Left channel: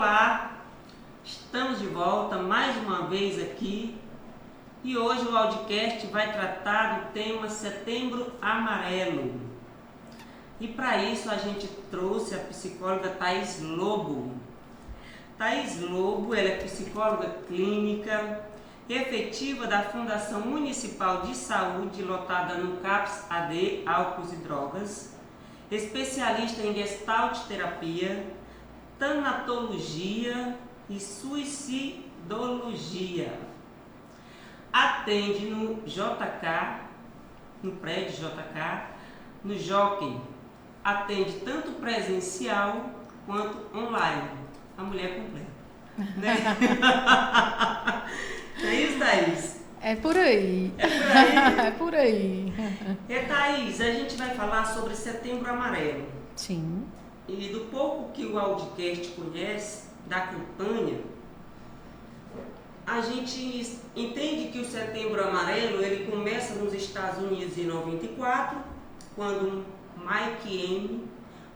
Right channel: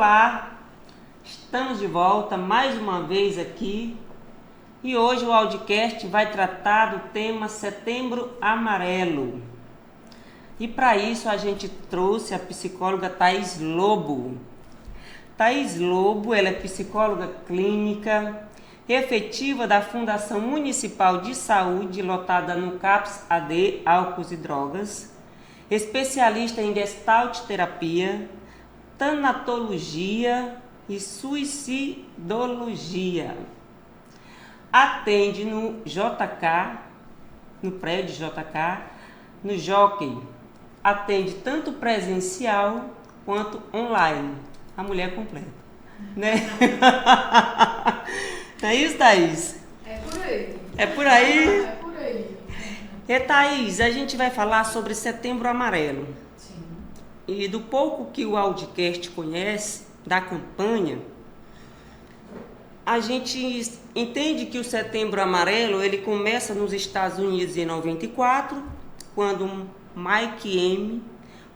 Olá, estamos de volta mais uma vez aqui e hoje o audiocast vai tratar do tema Setembro Amarelo. E para isso a gente trouxe a psicóloga Thaís Lobo. Thaís Lobo, ela é psicóloga clínica, efetiva da Fundação Municipal de Saúde, lotada no CAPS AD, Álcools e Drogas, especialista em gestalt terapia, tanatologia e suicidologia. Atende no JK, no prédio JK, no Jockey. Atende tanto presencial quanto online. A mulher completa, né? É isso, Thaís? É por aí. É por aí? É por aí. E Thaís, a gente vai falar sobre Setembro Amarelo. Sim. E do pouco que o Audiocast conhece da campanha, a gente entende que o Setembro Amarelo ele começa nos Estados Unidos em 94, quando Mike M.,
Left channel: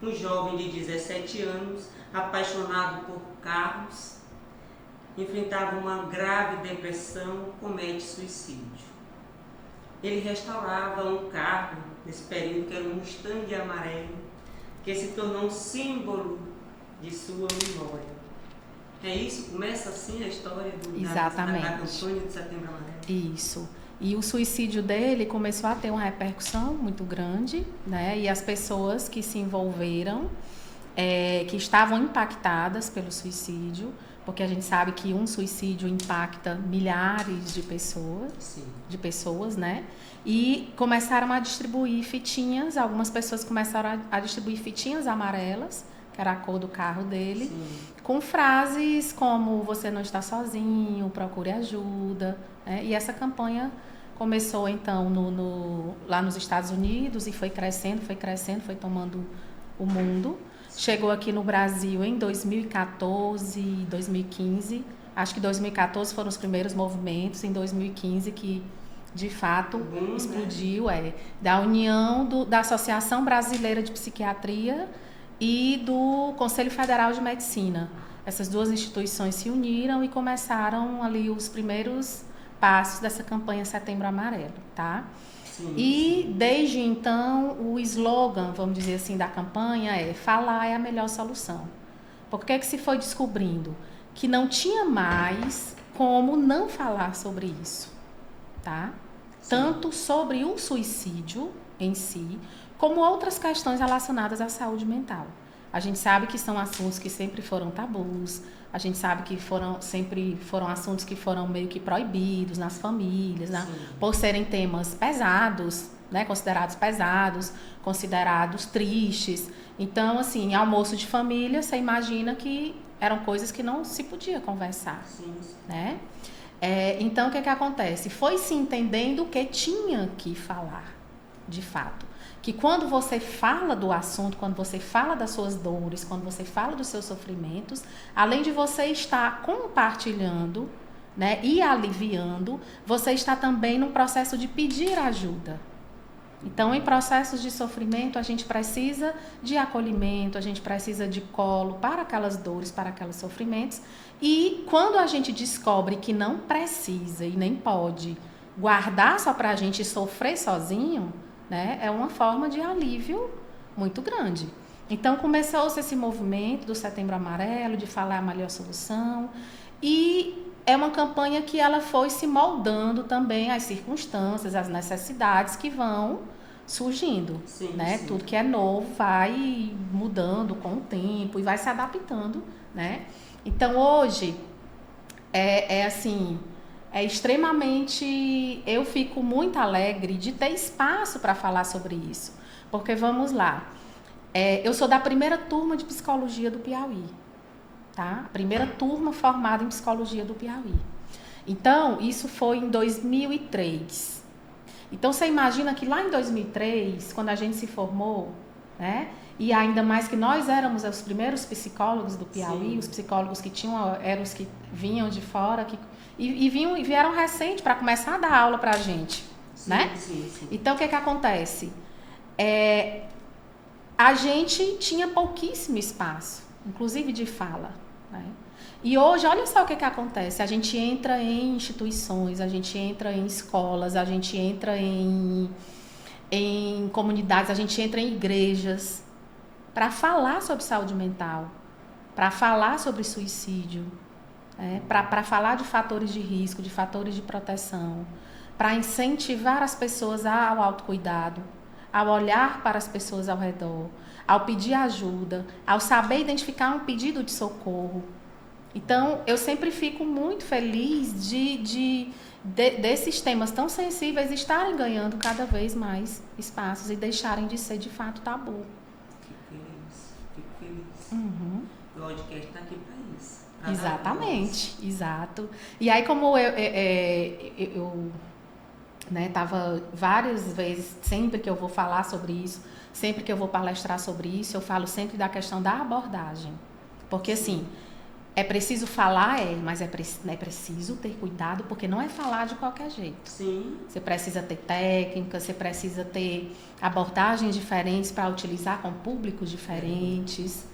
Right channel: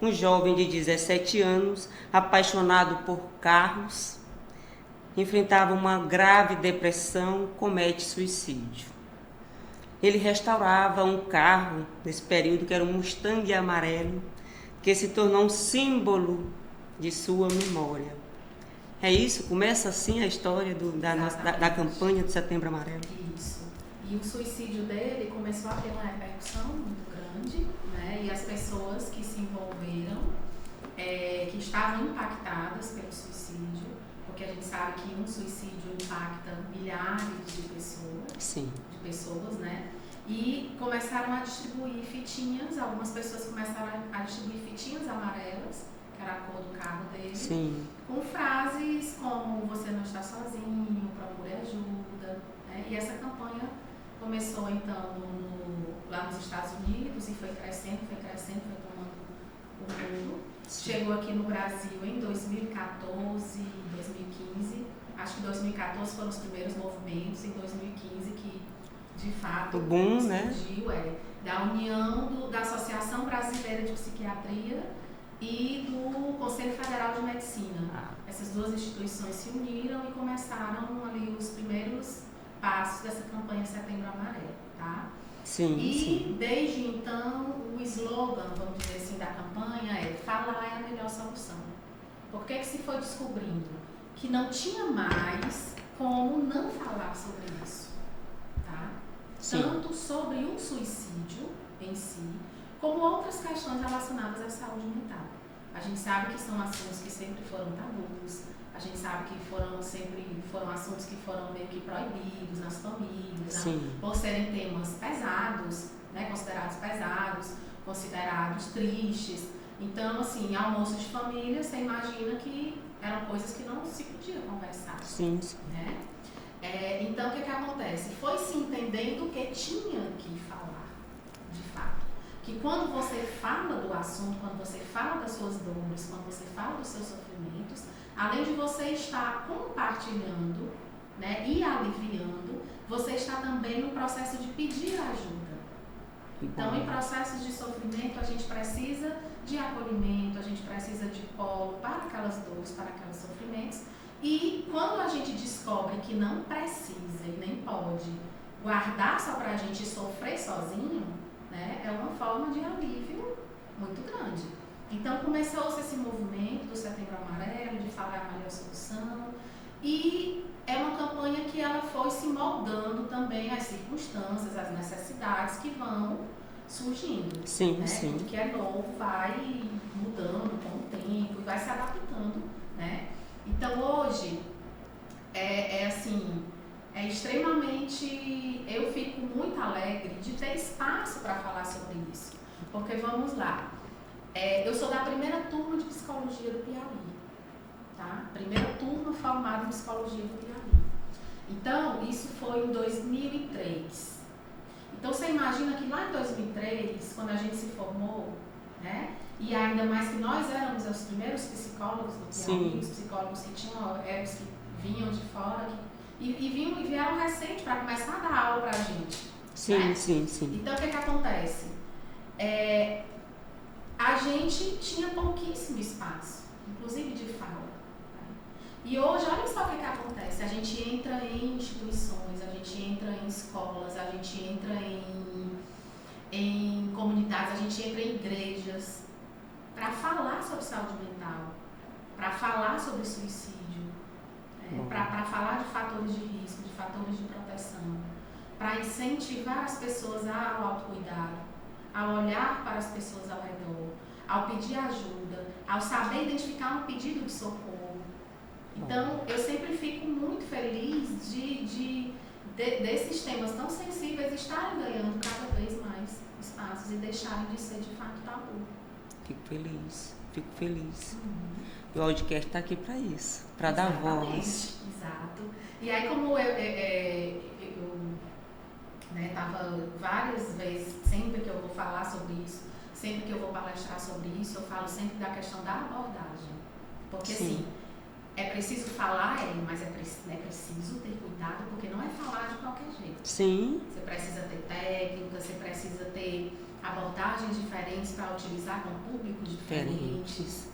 um jovem de 17 anos, apaixonado por carros, enfrentava uma grave depressão, comete suicídio. Ele restaurava um carro nesse período que era um Mustang amarelo, que se tornou um símbolo de sua memória. É isso? Começa assim a história da campanha do Setembro Amarelo? Isso. E o suicídio dele começou a ter uma repercussão muito grande, né? E as pessoas que se envolveram, que estavam impactadas pelo suicídio, porque a gente sabe que um suicídio impacta milhares de pessoas, Sim. né? E começaram a distribuir fitinhas, algumas pessoas começaram a distribuir fitinhas amarelas, que era a cor do carro dele, Sim. com frases como "você não está sozinho, procure ajuda", né? E essa campanha começou então lá nos Estados Unidos e foi crescendo, foi tomando o mundo. Chegou aqui no Brasil em 2014, 2015. Acho que 2014 foram os primeiros movimentos, em 2015 que de fato Boom, explodiu, né? Da união da Associação Brasileira de Psiquiatria e do Conselho Federal de Medicina. Essas duas instituições se uniram e começaram ali os primeiros passos dessa campanha Setembro Amarelo, tá? Sim, E desde então o slogan, vamos dizer assim, da campanha é "falar é a melhor solução". Por que se foi descobrindo que não tinha mais como não falar sobre isso, tá? Sim. Tanto sobre o suicídio em si, como outras questões relacionadas à saúde mental. A gente sabe que são assuntos que sempre foram tabus, a gente sabe que sempre foram assuntos que foram meio que proibidos nas famílias, né? Por serem temas pesados, né? Considerados pesados, considerados tristes. Então, assim, em almoço de família, você imagina que eram coisas que não se podia conversar, sim. né? Então, o que acontece? Foi se entendendo que tinha que falar, de fato. Que quando você fala do assunto, quando você fala das suas dores, quando você fala dos seus sofrimentos, além de você estar compartilhando, né, e aliviando, você está também no processo de pedir ajuda. Então, em processos de sofrimento, a gente precisa de acolhimento, a gente precisa de colo para aquelas dores, para aqueles sofrimentos. E quando a gente descobre que não precisa e nem pode guardar só para a gente sofrer sozinho, né, é uma forma de alívio muito grande. Então começou-se esse movimento do Setembro Amarelo, de falar a melhor solução, e é uma campanha que ela foi se moldando também às circunstâncias, às necessidades que vão surgindo, sim, né? Sim. Tudo que é novo vai mudando com o tempo e vai se adaptando, né? Então hoje assim, extremamente, eu fico muito alegre de ter espaço para falar sobre isso, porque vamos lá, eu sou da primeira turma de psicologia do Piauí, tá? Primeira turma formada em psicologia do Piauí. Então, isso foi em 2003. Então, você imagina que lá em 2003, quando a gente se formou, né? E ainda mais que nós éramos os primeiros psicólogos do Piauí, Sim. os psicólogos que eram os que vinham de fora, e vieram recente para começar a dar aula pra gente, Sim, né? sim. Então, o que acontece? A gente tinha pouquíssimo espaço, inclusive de fala, né? E hoje, olha só o que acontece. A gente entra em instituições, a gente entra em escolas, a gente entra em comunidades, a gente entra em igrejas para falar sobre saúde mental, para falar sobre suicídio, para falar de fatores de risco, de fatores de proteção, para incentivar as pessoas ao autocuidado, ao olhar para as pessoas ao redor, ao pedir ajuda, ao saber identificar um pedido de socorro. Então, eu sempre fico muito feliz desses temas tão sensíveis estarem ganhando cada vez mais espaços e deixarem de ser, de fato, tabu. Fico feliz. Uhum. O podcast está aqui para isso, para dar voz. Exatamente, exato. E aí, como eu tava várias vezes, sempre que eu vou falar sobre isso, sempre que eu vou palestrar sobre isso, eu falo sempre da questão da abordagem. Porque, assim, é preciso falar, mas é preciso ter cuidado, porque não é falar de qualquer jeito. Sim. Você precisa ter técnica, você precisa ter abordagens diferentes para utilizar com públicos diferentes.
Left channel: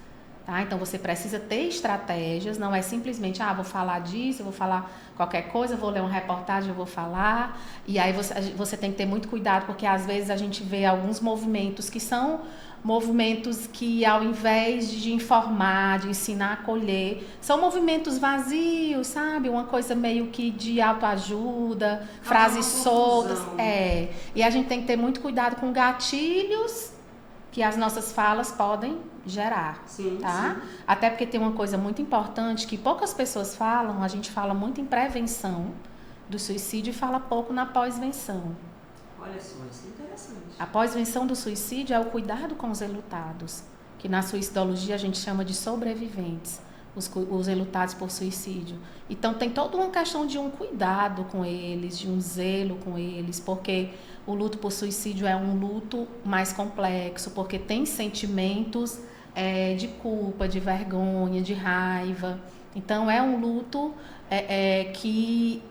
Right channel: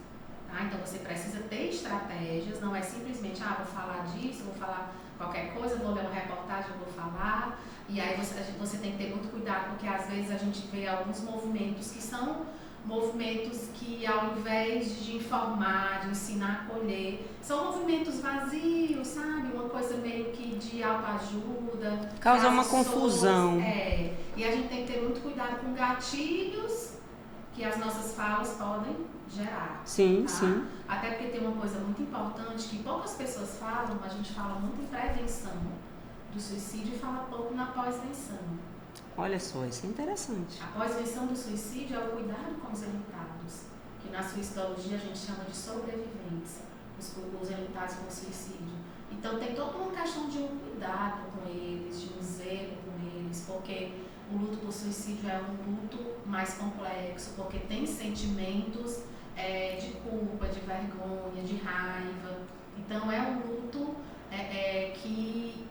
Tá? Então, você precisa ter estratégias, não é simplesmente, vou falar disso, eu vou falar qualquer coisa, vou ler uma reportagem, eu vou falar. E aí você tem que ter muito cuidado, porque às vezes a gente vê alguns movimentos que são movimentos que, ao invés de informar, de ensinar, acolher, são movimentos vazios, sabe? Uma coisa meio que de autoajuda, frases soltas. E a gente tem que ter muito cuidado com gatilhos que as nossas falas podem gerar. Sim, tá? sim. Até porque tem uma coisa muito importante que poucas pessoas falam, a gente fala muito em prevenção do suicídio e fala pouco na pós-venção. Olha só, isso é interessante. A pós-venção do suicídio é o cuidado com os enlutados, que na suicidologia a gente chama de sobreviventes, os enlutados por suicídio. Então tem toda uma questão de um cuidado com eles, de um zelo com eles, porque o luto por suicídio é um luto mais complexo, porque tem sentimentos de culpa, de vergonha, de raiva. Então é um luto que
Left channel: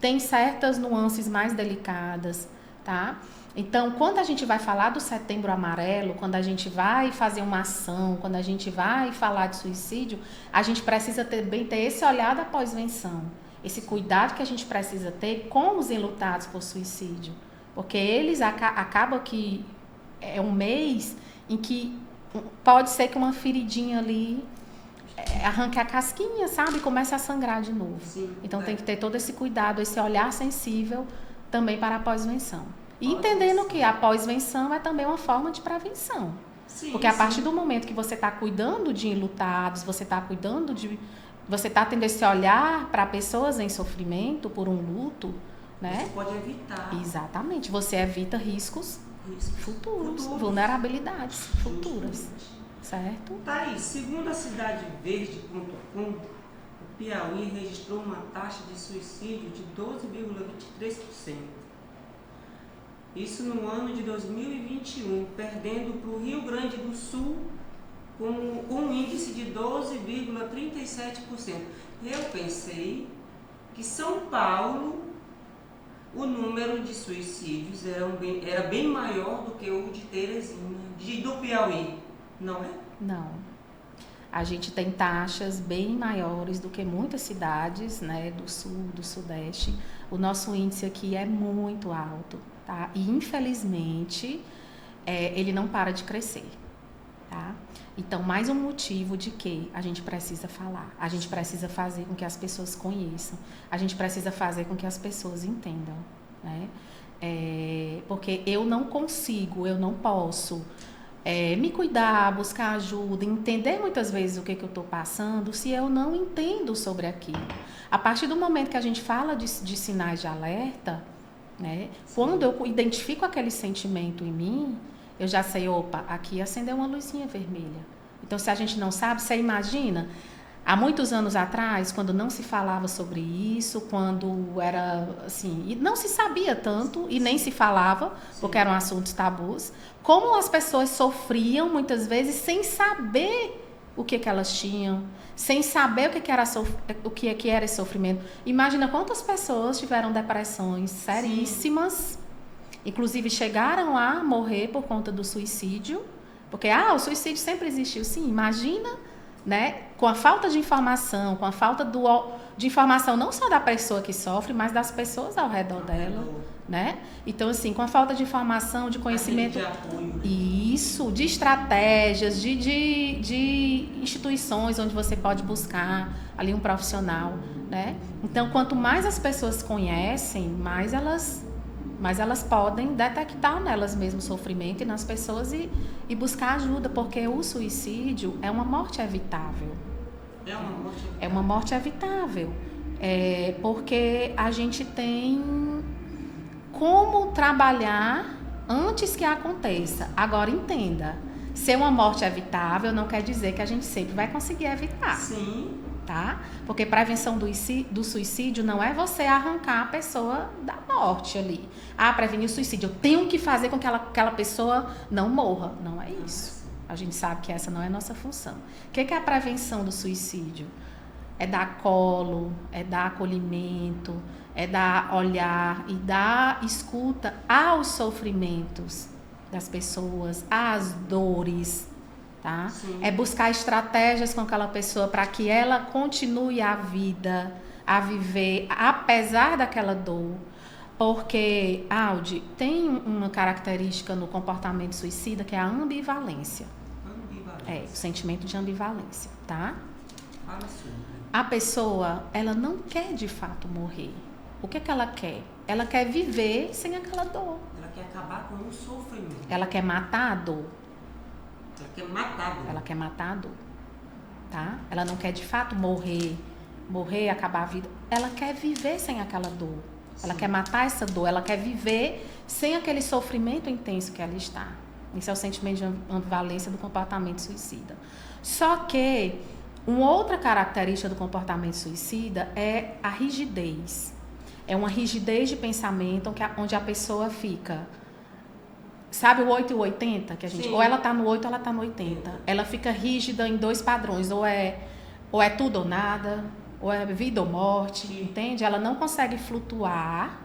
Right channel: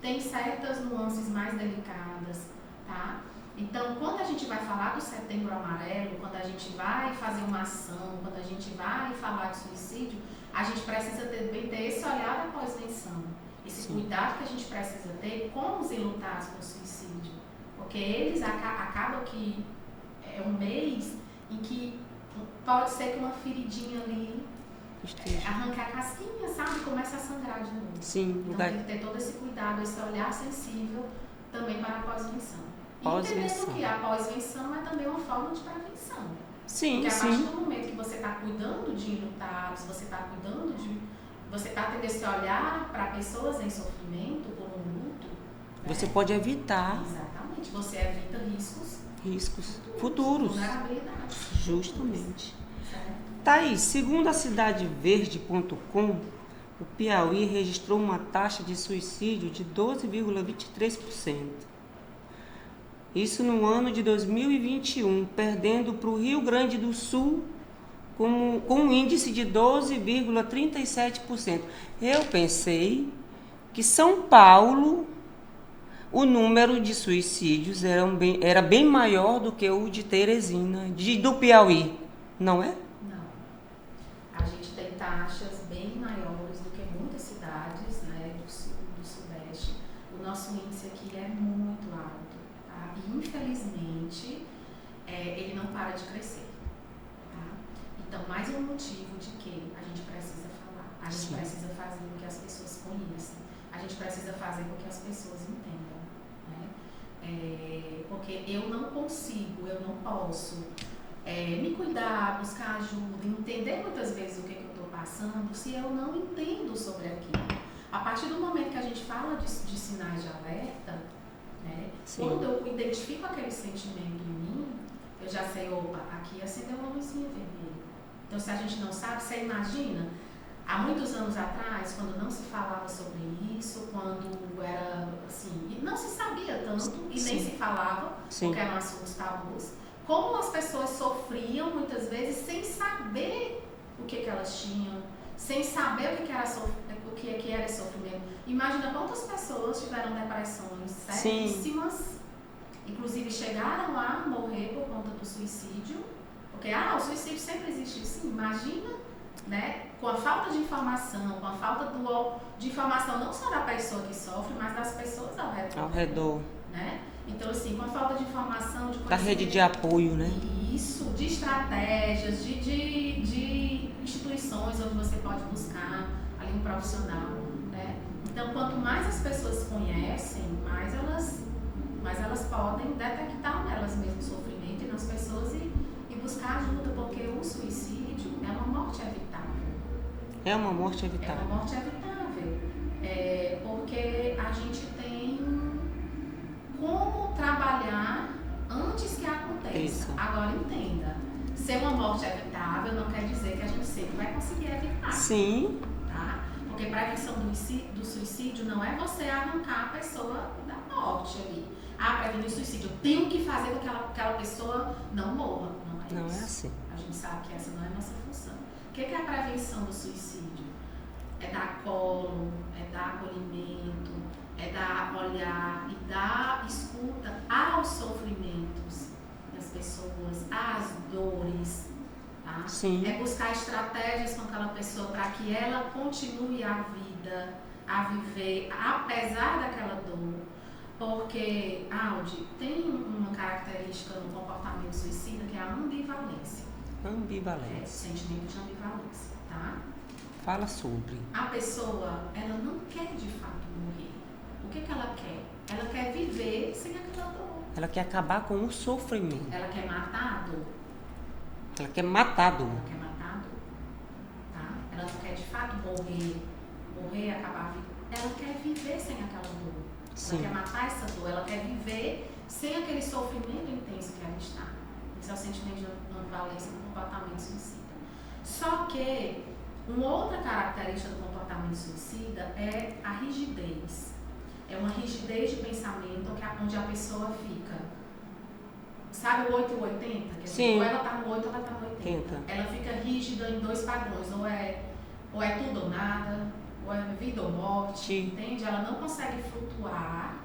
tem certas nuances mais delicadas. Tá? Então, quando a gente vai falar do Setembro Amarelo, quando a gente vai fazer uma ação, quando a gente vai falar de suicídio, a gente precisa também ter esse olhar da pós-venção, esse cuidado que a gente precisa ter com os enlutados por suicídio, porque eles acabam que é um mês em que pode ser que uma feridinha ali arranque a casquinha, sabe? E comece a sangrar de novo. Sim, então tem que ter todo esse cuidado, esse olhar sensível também para a pós-venção. E entendendo que a pós-venção é também uma forma de prevenção. Sim, porque a partir do momento que você está cuidando de enlutados, você está tendo esse olhar para pessoas em sofrimento por um luto, né? Você pode evitar. Exatamente. Você evita riscos futuros. Vulnerabilidades futuras. Certo? Thaís, segundo a cidadeverde.com, o Piauí registrou uma taxa de suicídio de 12,23%. Isso no ano de 2021, perdendo para o Rio Grande do Sul com um índice de 12,37%. Eu pensei que São Paulo, o número de suicídios era bem maior do que o de Teresina, do Piauí, não é? Não. A gente tem taxas bem maiores do que muitas cidades, né, do sul, do sudeste. O nosso índice aqui é muito alto, tá? E infelizmente ele não para de crescer, tá? Então, mais um motivo de que a gente precisa falar, a gente precisa fazer com que as pessoas conheçam, a gente precisa fazer com que as pessoas entendam, né? Porque eu não posso me cuidar, buscar ajuda, entender muitas vezes o que eu estou passando, se eu não entendo sobre aquilo. A partir do momento que a gente fala de sinais de alerta, né, quando eu identifico aquele sentimento em mim, eu já sei, opa, aqui acendeu uma luzinha vermelha. Então, se a gente não sabe, você imagina, há muitos anos atrás, quando não se falava sobre isso, quando era assim, e não se sabia tanto e nem se falava, porque eram assuntos tabus, como as pessoas sofriam muitas vezes sem saber o que elas tinham, sem saber o que era esse sofrimento. Imagina quantas pessoas tiveram depressões seríssimas, inclusive chegaram a morrer por conta do suicídio, porque o suicídio sempre existiu, sim, imagina, né, com a falta de informação, com a falta de informação não só da pessoa que sofre, mas das pessoas ao redor dela, né? Então, assim, com a falta de informação, de conhecimento... Da rede de apoio, né? Isso, de estratégias, de instituições onde você pode buscar ali um profissional, né? Então, quanto mais as pessoas conhecem, mais elas podem detectar nelas mesmo o sofrimento e nas pessoas e buscar ajuda, porque o suicídio é uma morte evitável. É uma morte evitável. É uma morte evitável. Porque a gente tem como trabalhar antes que aconteça. Isso. Agora, entenda, ser uma morte evitável não quer dizer que a gente sempre vai conseguir evitar. Sim. Tá? Porque prevenção do suicídio não é você arrancar a pessoa da morte ali. Prevenir o suicídio, eu tenho que fazer com que aquela pessoa não morra. Não é isso. Não é assim. A gente sabe que essa não é a nossa função. O que é a prevenção do suicídio? É dar colo, é dar acolhimento, é dar olhar e dar escuta aos sofrimentos das pessoas, às dores, tá? Sim. É buscar estratégias com aquela pessoa para que ela continue a vida, a viver, apesar daquela dor. Porque, Aldi, tem uma característica no comportamento suicida que é a ambivalência. Ambivalência. O sentimento de ambivalência, tá? Fala sobre. A pessoa, ela não quer de fato morrer. O que ela quer? Ela quer viver sem aquela dor. Ela quer acabar com o sofrimento. Ela quer matar a dor. Ela quer matar a dor. Ela quer matar a dor, tá? Ela não quer de fato morrer, acabar a vida. Ela quer viver sem aquela dor. Ela Sim. quer matar essa dor. Ela quer viver sem aquele sofrimento intenso que ela está. Esse é o sentimento de ambivalência do comportamento suicida. Só que uma outra característica do comportamento suicida é a rigidez. É uma rigidez de pensamento onde a pessoa fica... Sabe o 8 e o 80? Que a gente, ou ela tá no 8 ou ela tá no 80. Ela fica rígida em dois padrões. Ou é tudo ou nada, ou é vida ou morte, entende? Ela não consegue flutuar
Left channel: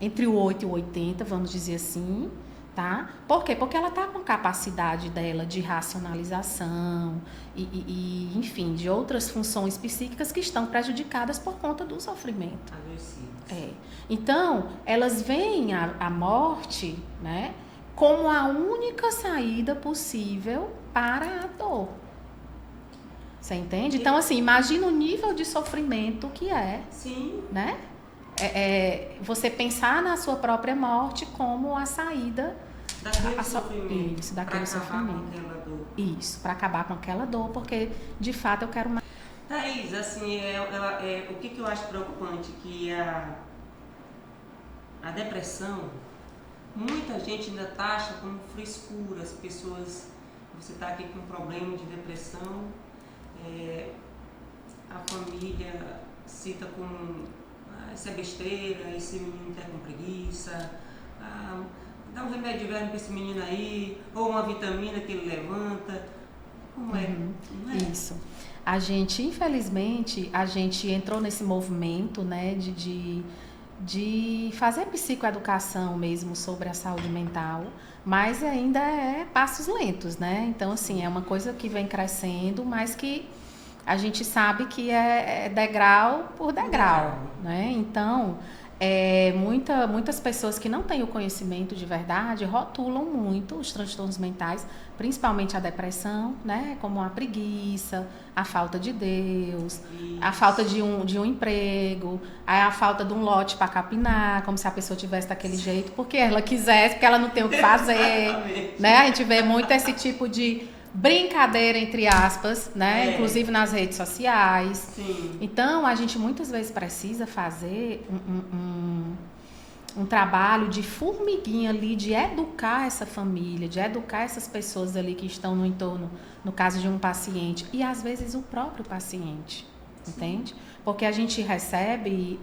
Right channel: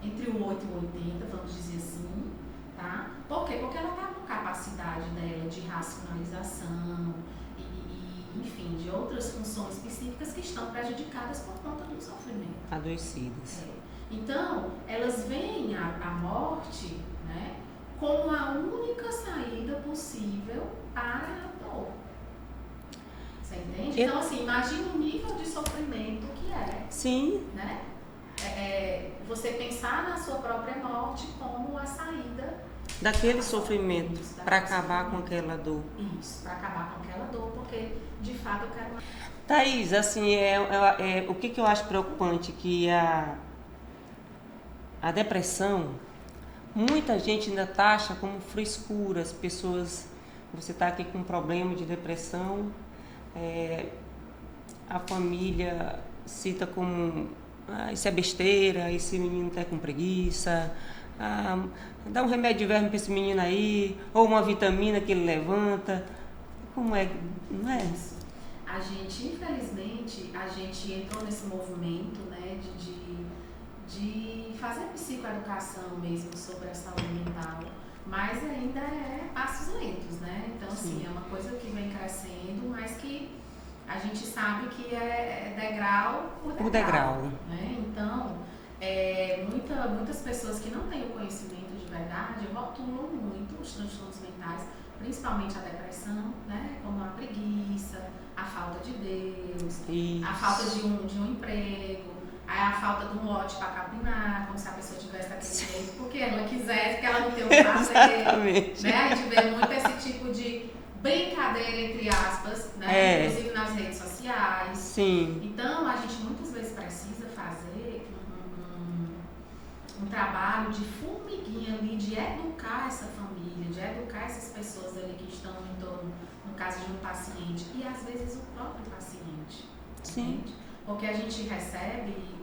entre o 8 e o 80, vamos dizer assim, tá? Por quê? Porque ela tá com capacidade dela de racionalização e enfim, de outras funções psíquicas que estão prejudicadas por conta do sofrimento. Adoecidas. Então, elas veem a morte, né, como a única saída possível para a dor. Você entende? Então, assim, imagina o nível de sofrimento que é. Sim. Né? Você pensar na sua própria morte como a saída daquele sofrimento, para acabar com aquela dor. Isso, para acabar com aquela dor, porque de fato eu quero mais. Thaís, assim, o que eu acho preocupante que a depressão, muita gente ainda taxa como frescura. As pessoas, você está aqui com um problema de depressão, a família cita como isso é besteira, esse menino está com preguiça, dá um remédio de verme para esse menino aí, ou uma vitamina que ele levanta. Como é? Não é isso? A gente, infelizmente, entrou nesse movimento, né, de fazer psicoeducação mesmo sobre a saúde mental, mas ainda é passos lentos, né? Então, assim, é uma coisa que vem crescendo, mas que a gente sabe que é degrau por degrau, né? Então, muitas pessoas que não têm o conhecimento de verdade rotulam muito os transtornos mentais, principalmente a depressão, né? Como a preguiça, a falta de Deus, a falta de um emprego, a falta de um lote para capinar, como se a pessoa tivesse daquele jeito, porque ela quisesse, porque ela não tem o que fazer, né? A gente vê muito esse tipo de brincadeira, entre aspas, né? Inclusive nas redes sociais. Sim. Então, a gente muitas vezes precisa fazer um trabalho de formiguinha ali, de educar essa família, de educar essas pessoas ali que estão no entorno, no caso de um paciente, e às vezes o próprio paciente, entende? Porque a gente recebe,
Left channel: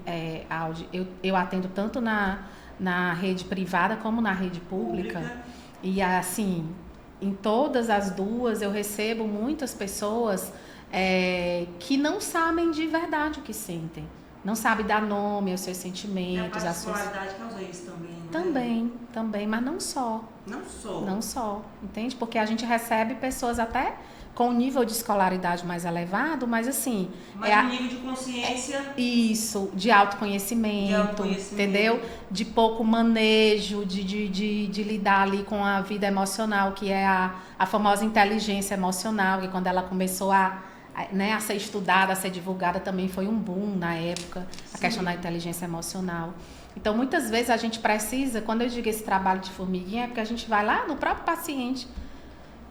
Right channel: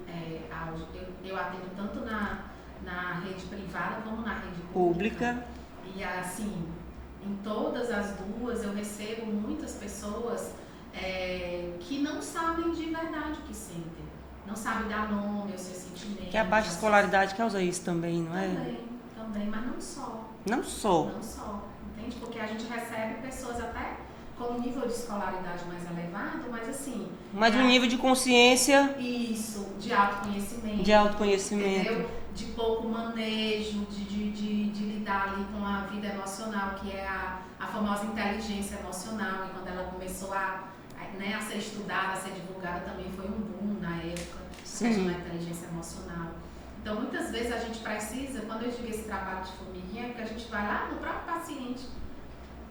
eu atendo tanto na rede privada como na rede pública. E assim, em todas as duas eu recebo muitas pessoas que não sabem de verdade o que sentem. Não sabe dar nome aos seus sentimentos. E a baixa escolaridade causa isso também, não é? Também, mas não só. Não só. Não só, entende? Porque a gente recebe pessoas até com um nível de escolaridade mais elevado, mas assim... Mas um nível de consciência... Isso, de autoconhecimento. De autoconhecimento. Entendeu? De pouco manejo, de lidar ali com a vida emocional, que é a famosa inteligência emocional, e quando ela começou a ser estudada, a ser divulgada, também foi um boom na época, a questão da inteligência emocional. Então, muitas vezes a gente precisa, quando eu digo esse trabalho de formiguinha, é porque a gente vai lá no próprio paciente.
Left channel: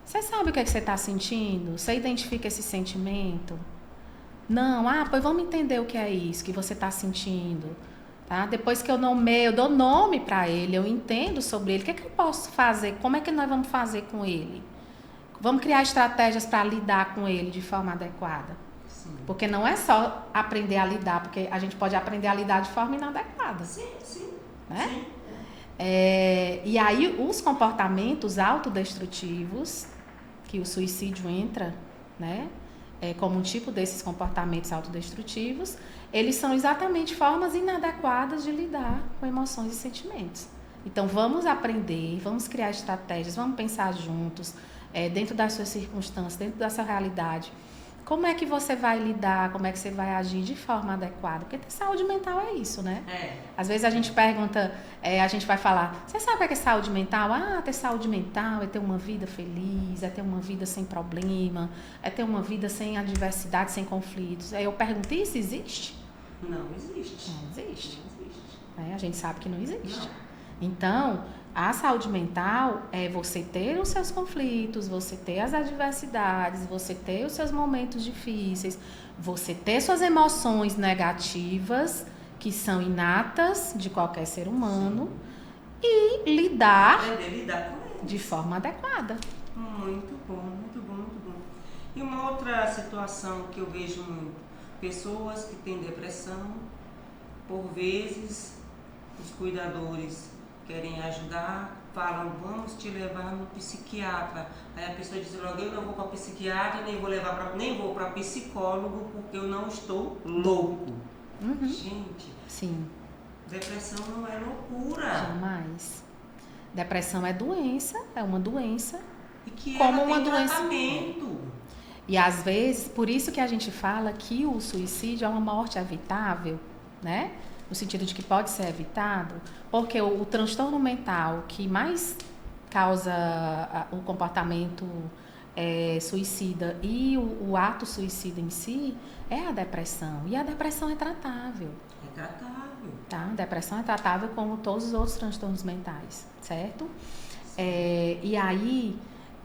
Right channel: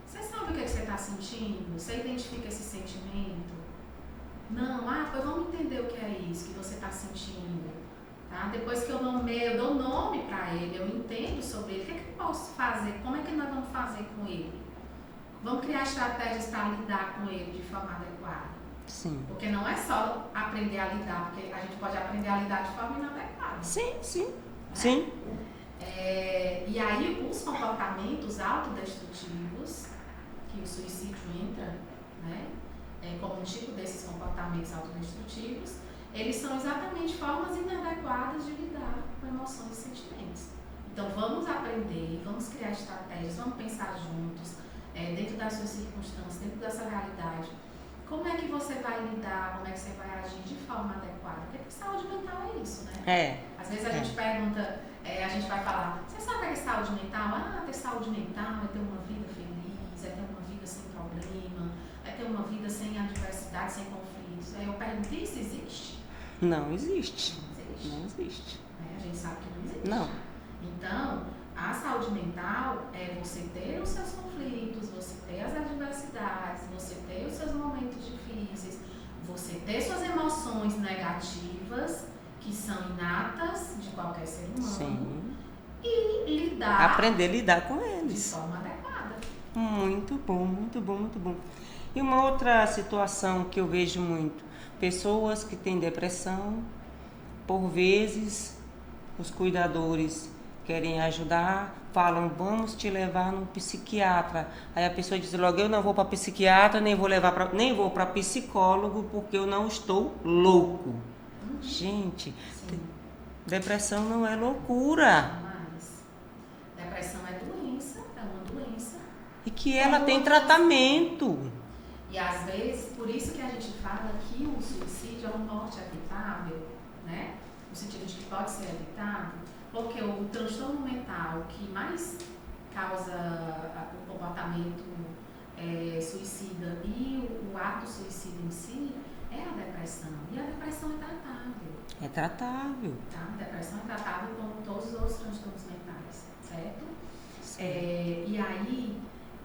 Você sabe o que é que você está sentindo? Você identifica esse sentimento? Não, pois vamos entender o que é isso que você está sentindo. Tá? Depois que eu nomeio, eu dou nome para ele, eu entendo sobre ele, o que é que eu posso fazer? Como é que nós vamos fazer com ele? Vamos criar estratégias para lidar com ele de forma adequada. Sim. Porque não é só aprender a lidar, porque a gente pode aprender a lidar de forma inadequada. Sim, sim. Né? Sim. E aí os comportamentos autodestrutivos, que o suicídio entra, né, como um tipo desses comportamentos autodestrutivos, eles são exatamente formas inadequadas de lidar com emoções e sentimentos. Então vamos aprender, vamos criar estratégias, vamos pensar juntos, dentro das suas circunstâncias, dentro da sua realidade. Como é que você vai lidar, como é que você vai agir de forma adequada? Porque ter saúde mental é isso, né? Às vezes a gente pergunta, a gente vai falar, você sabe o que é saúde mental? Ter saúde mental é ter uma vida feliz, é ter uma vida sem problema, é ter uma vida sem adversidade, sem conflitos. Aí eu pergunto, isso existe? Não existe. Não existe. Não existe. A gente sabe que não existe. Não. Então, a saúde mental é você ter os seus conflitos, você ter as adversidades, você ter os seus momentos difíceis, você ter suas emoções negativas, que são inatas de qualquer ser humano, sim, e lidar... Aprender a lidar com eles. De forma adequada. Muito bom, muito bom, muito bom. E uma outra situação que eu vejo muito, pessoas que têm depressão, por vezes os cuidadores querem ajudar, falam, vamos te levar no psiquiatra. Aí a pessoa diz logo, eu não vou para psiquiatra, nem vou para psicólogo, porque eu não estou louco. Uhum. Gente, sim, depressão não é loucura. Jamais. Depressão é doença, é uma doença. E que ela tem tratamento. E às vezes, por isso que a gente fala que o suicídio é uma morte evitável, né? No sentido de que pode ser evitado, porque o transtorno mental que mais causa o comportamento suicida e o ato suicida em si é a depressão. E a depressão é tratável. É tratável. Tá? A depressão é tratável como todos os outros transtornos mentais, certo? E aí,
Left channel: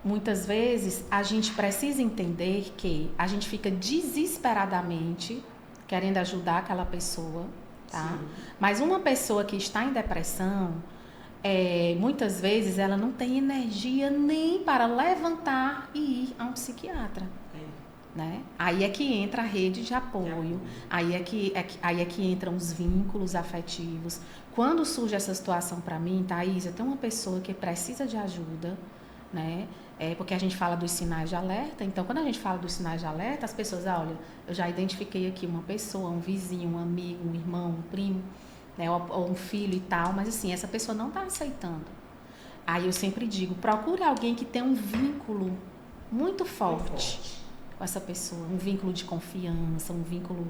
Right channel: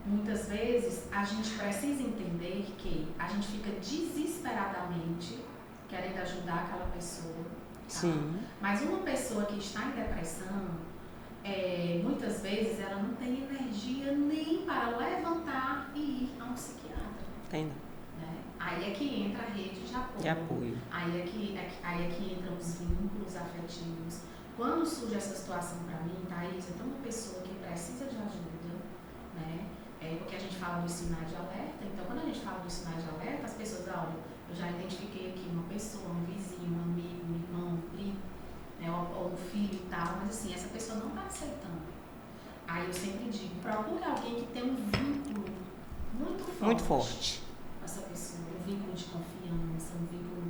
muitas vezes, a gente precisa entender que a gente fica desesperadamente querendo ajudar aquela pessoa. Tá? Mas uma pessoa que está em depressão, muitas vezes ela não tem energia nem para levantar e ir a um psiquiatra. Tem. Né? Aí é que entra a rede de apoio. Aí é que entram os vínculos afetivos. Quando surge essa situação para mim, Thaís, eu tenho uma pessoa que precisa de ajuda, né? Porque a gente fala dos sinais de alerta. Então, quando a gente fala dos sinais de alerta, as pessoas, olha, eu já identifiquei aqui uma pessoa, um vizinho, um amigo, um irmão, um primo, né, ou um filho e tal, mas assim, essa pessoa não está aceitando. Aí eu sempre digo, procure alguém que tenha um vínculo muito forte com essa pessoa, um vínculo de confiança, um vínculo,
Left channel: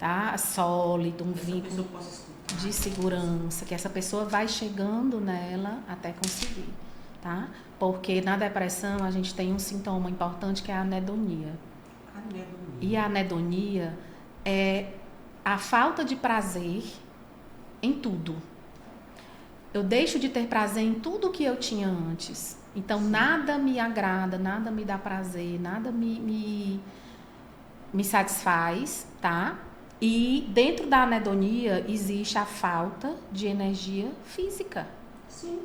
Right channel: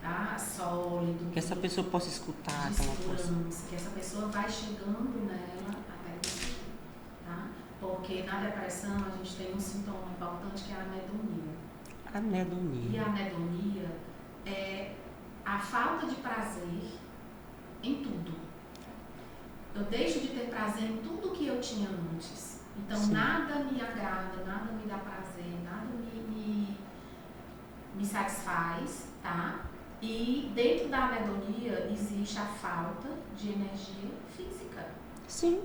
tá, sólido, um que vínculo essa pessoa possa escutar, de segurança, que essa pessoa vai chegando nela até conseguir, tá? Porque na depressão a gente tem um sintoma importante que é a anedonia. E a anedonia é a falta de prazer em tudo. Eu deixo de ter prazer em tudo que eu tinha antes. Então, sim, nada me agrada, nada me dá prazer, nada me satisfaz, tá? E dentro da anedonia existe a falta de energia física. Sim.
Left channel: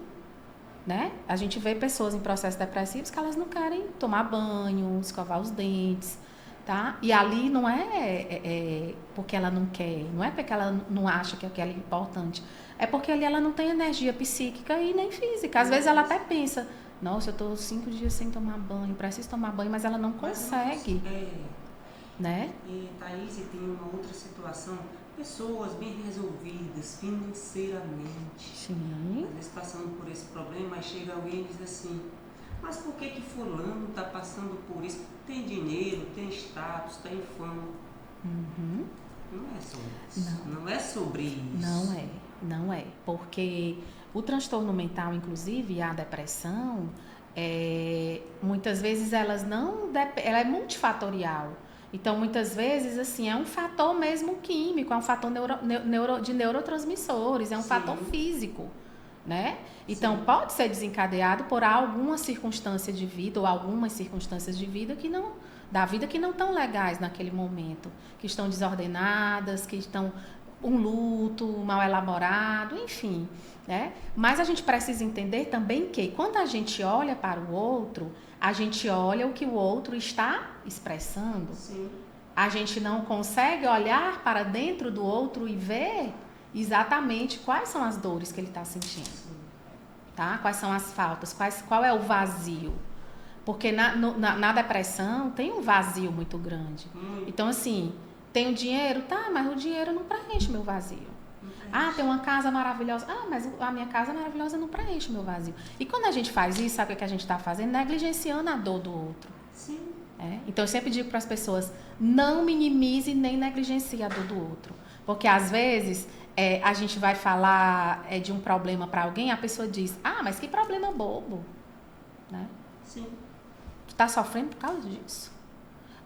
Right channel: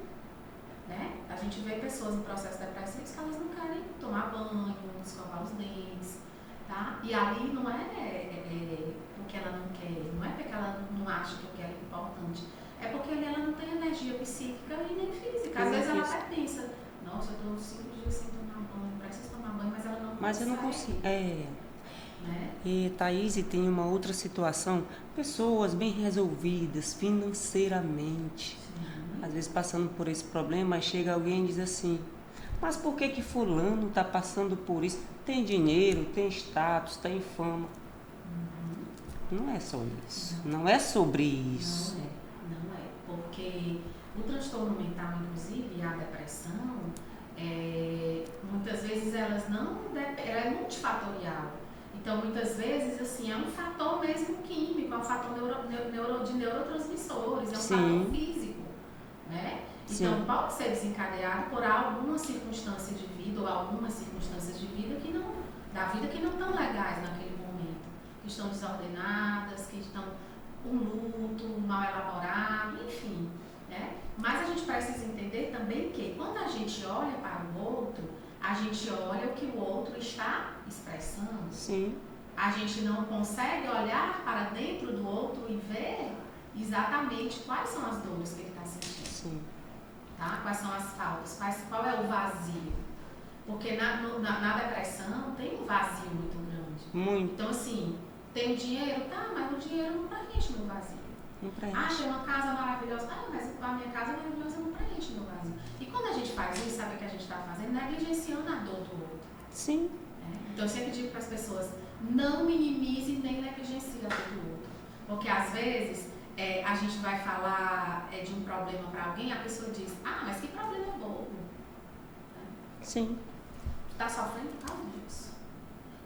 Né? A gente vê pessoas em processos depressivos que elas não querem tomar banho, escovar os dentes, tá? E ali não é porque ela não quer, não é porque ela não acha que aquilo é importante, é porque ali ela não tem energia psíquica e nem física. Às vezes ela até pensa, nossa, eu estou 5 dias sem tomar banho, preciso tomar banho, mas ela não consegue. Né? E Thaís, tem uma outra situação, pessoas bem resolvidas financeiramente, sim, às vezes passando por esse problema, chega alguém e diz assim, Mas por que que fulano está passando por isso? Tem dinheiro, tem status, tem fama. Uhum. Não é só isso. Não é sobre isso. Não é. Porque o transtorno mental, inclusive, e a depressão, muitas vezes ela é multifatorial. Então, muitas vezes, assim, é um fator mesmo químico, é um fator de neurotransmissores, é um Sim. fator físico, né? Então, Sim. pode ser desencadeado por alguma circunstância de vida ou algumas circunstâncias de vida da vida que não estão legais naquele momento, que estão desordenadas, que estão um luto mal elaborado, enfim, né? Mas a gente precisa entender também que quando a gente olha para o outro, a gente olha o que o outro está expressando. Sim. A gente não consegue olhar para dentro do outro e ver exatamente quais são as dores que ele está sentindo. Sim. Tá? Quais são as faltas, qual é o vazio. Porque na depressão tem um vazio muito grande. Muito. Então, assim, tem o dinheiro? Tá, mas o dinheiro não preenche o meu vazio. Não preenche. Ah, tem uma casa maravilhosa. Ah, mas a minha casa maravilhosa não preenche o meu vazio. E quando a gente faz isso, sabe o que a gente está fazendo? Negligenciando a dor do outro. Sim. Então, eu sempre digo para as pessoas, não minimize nem negligencie a dor do outro. Porque, às vezes, a gente vai falar de um problema para alguém, a pessoa diz, ah, mas que problema bobo. Né? Sim. Tu está sofrendo por causa disso.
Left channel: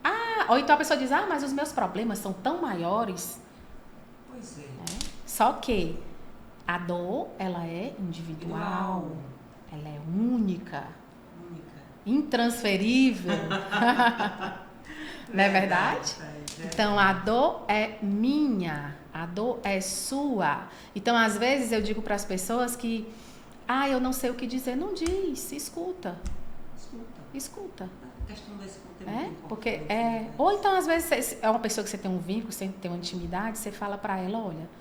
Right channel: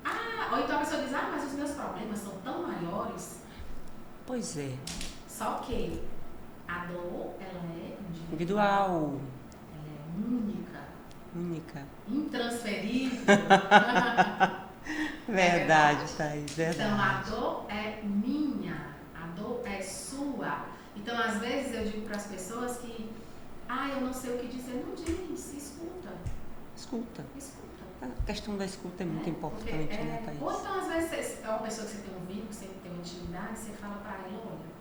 Ah, ou então a pessoa diz, ah, mas os meus problemas são tão maiores. Pois é. Só que a dor, ela é individual. Ela é única. Intransferível. Não é verdade? Verdade. Então, a dor é minha. A dor é sua. Então, às vezes, eu digo para as pessoas que, eu não sei o que dizer. Não diz, escuta. A questão da escuta é muito importante. Porque ou então, às vezes, é uma pessoa que você tem um vínculo, você tem uma intimidade, você fala para ela, olha,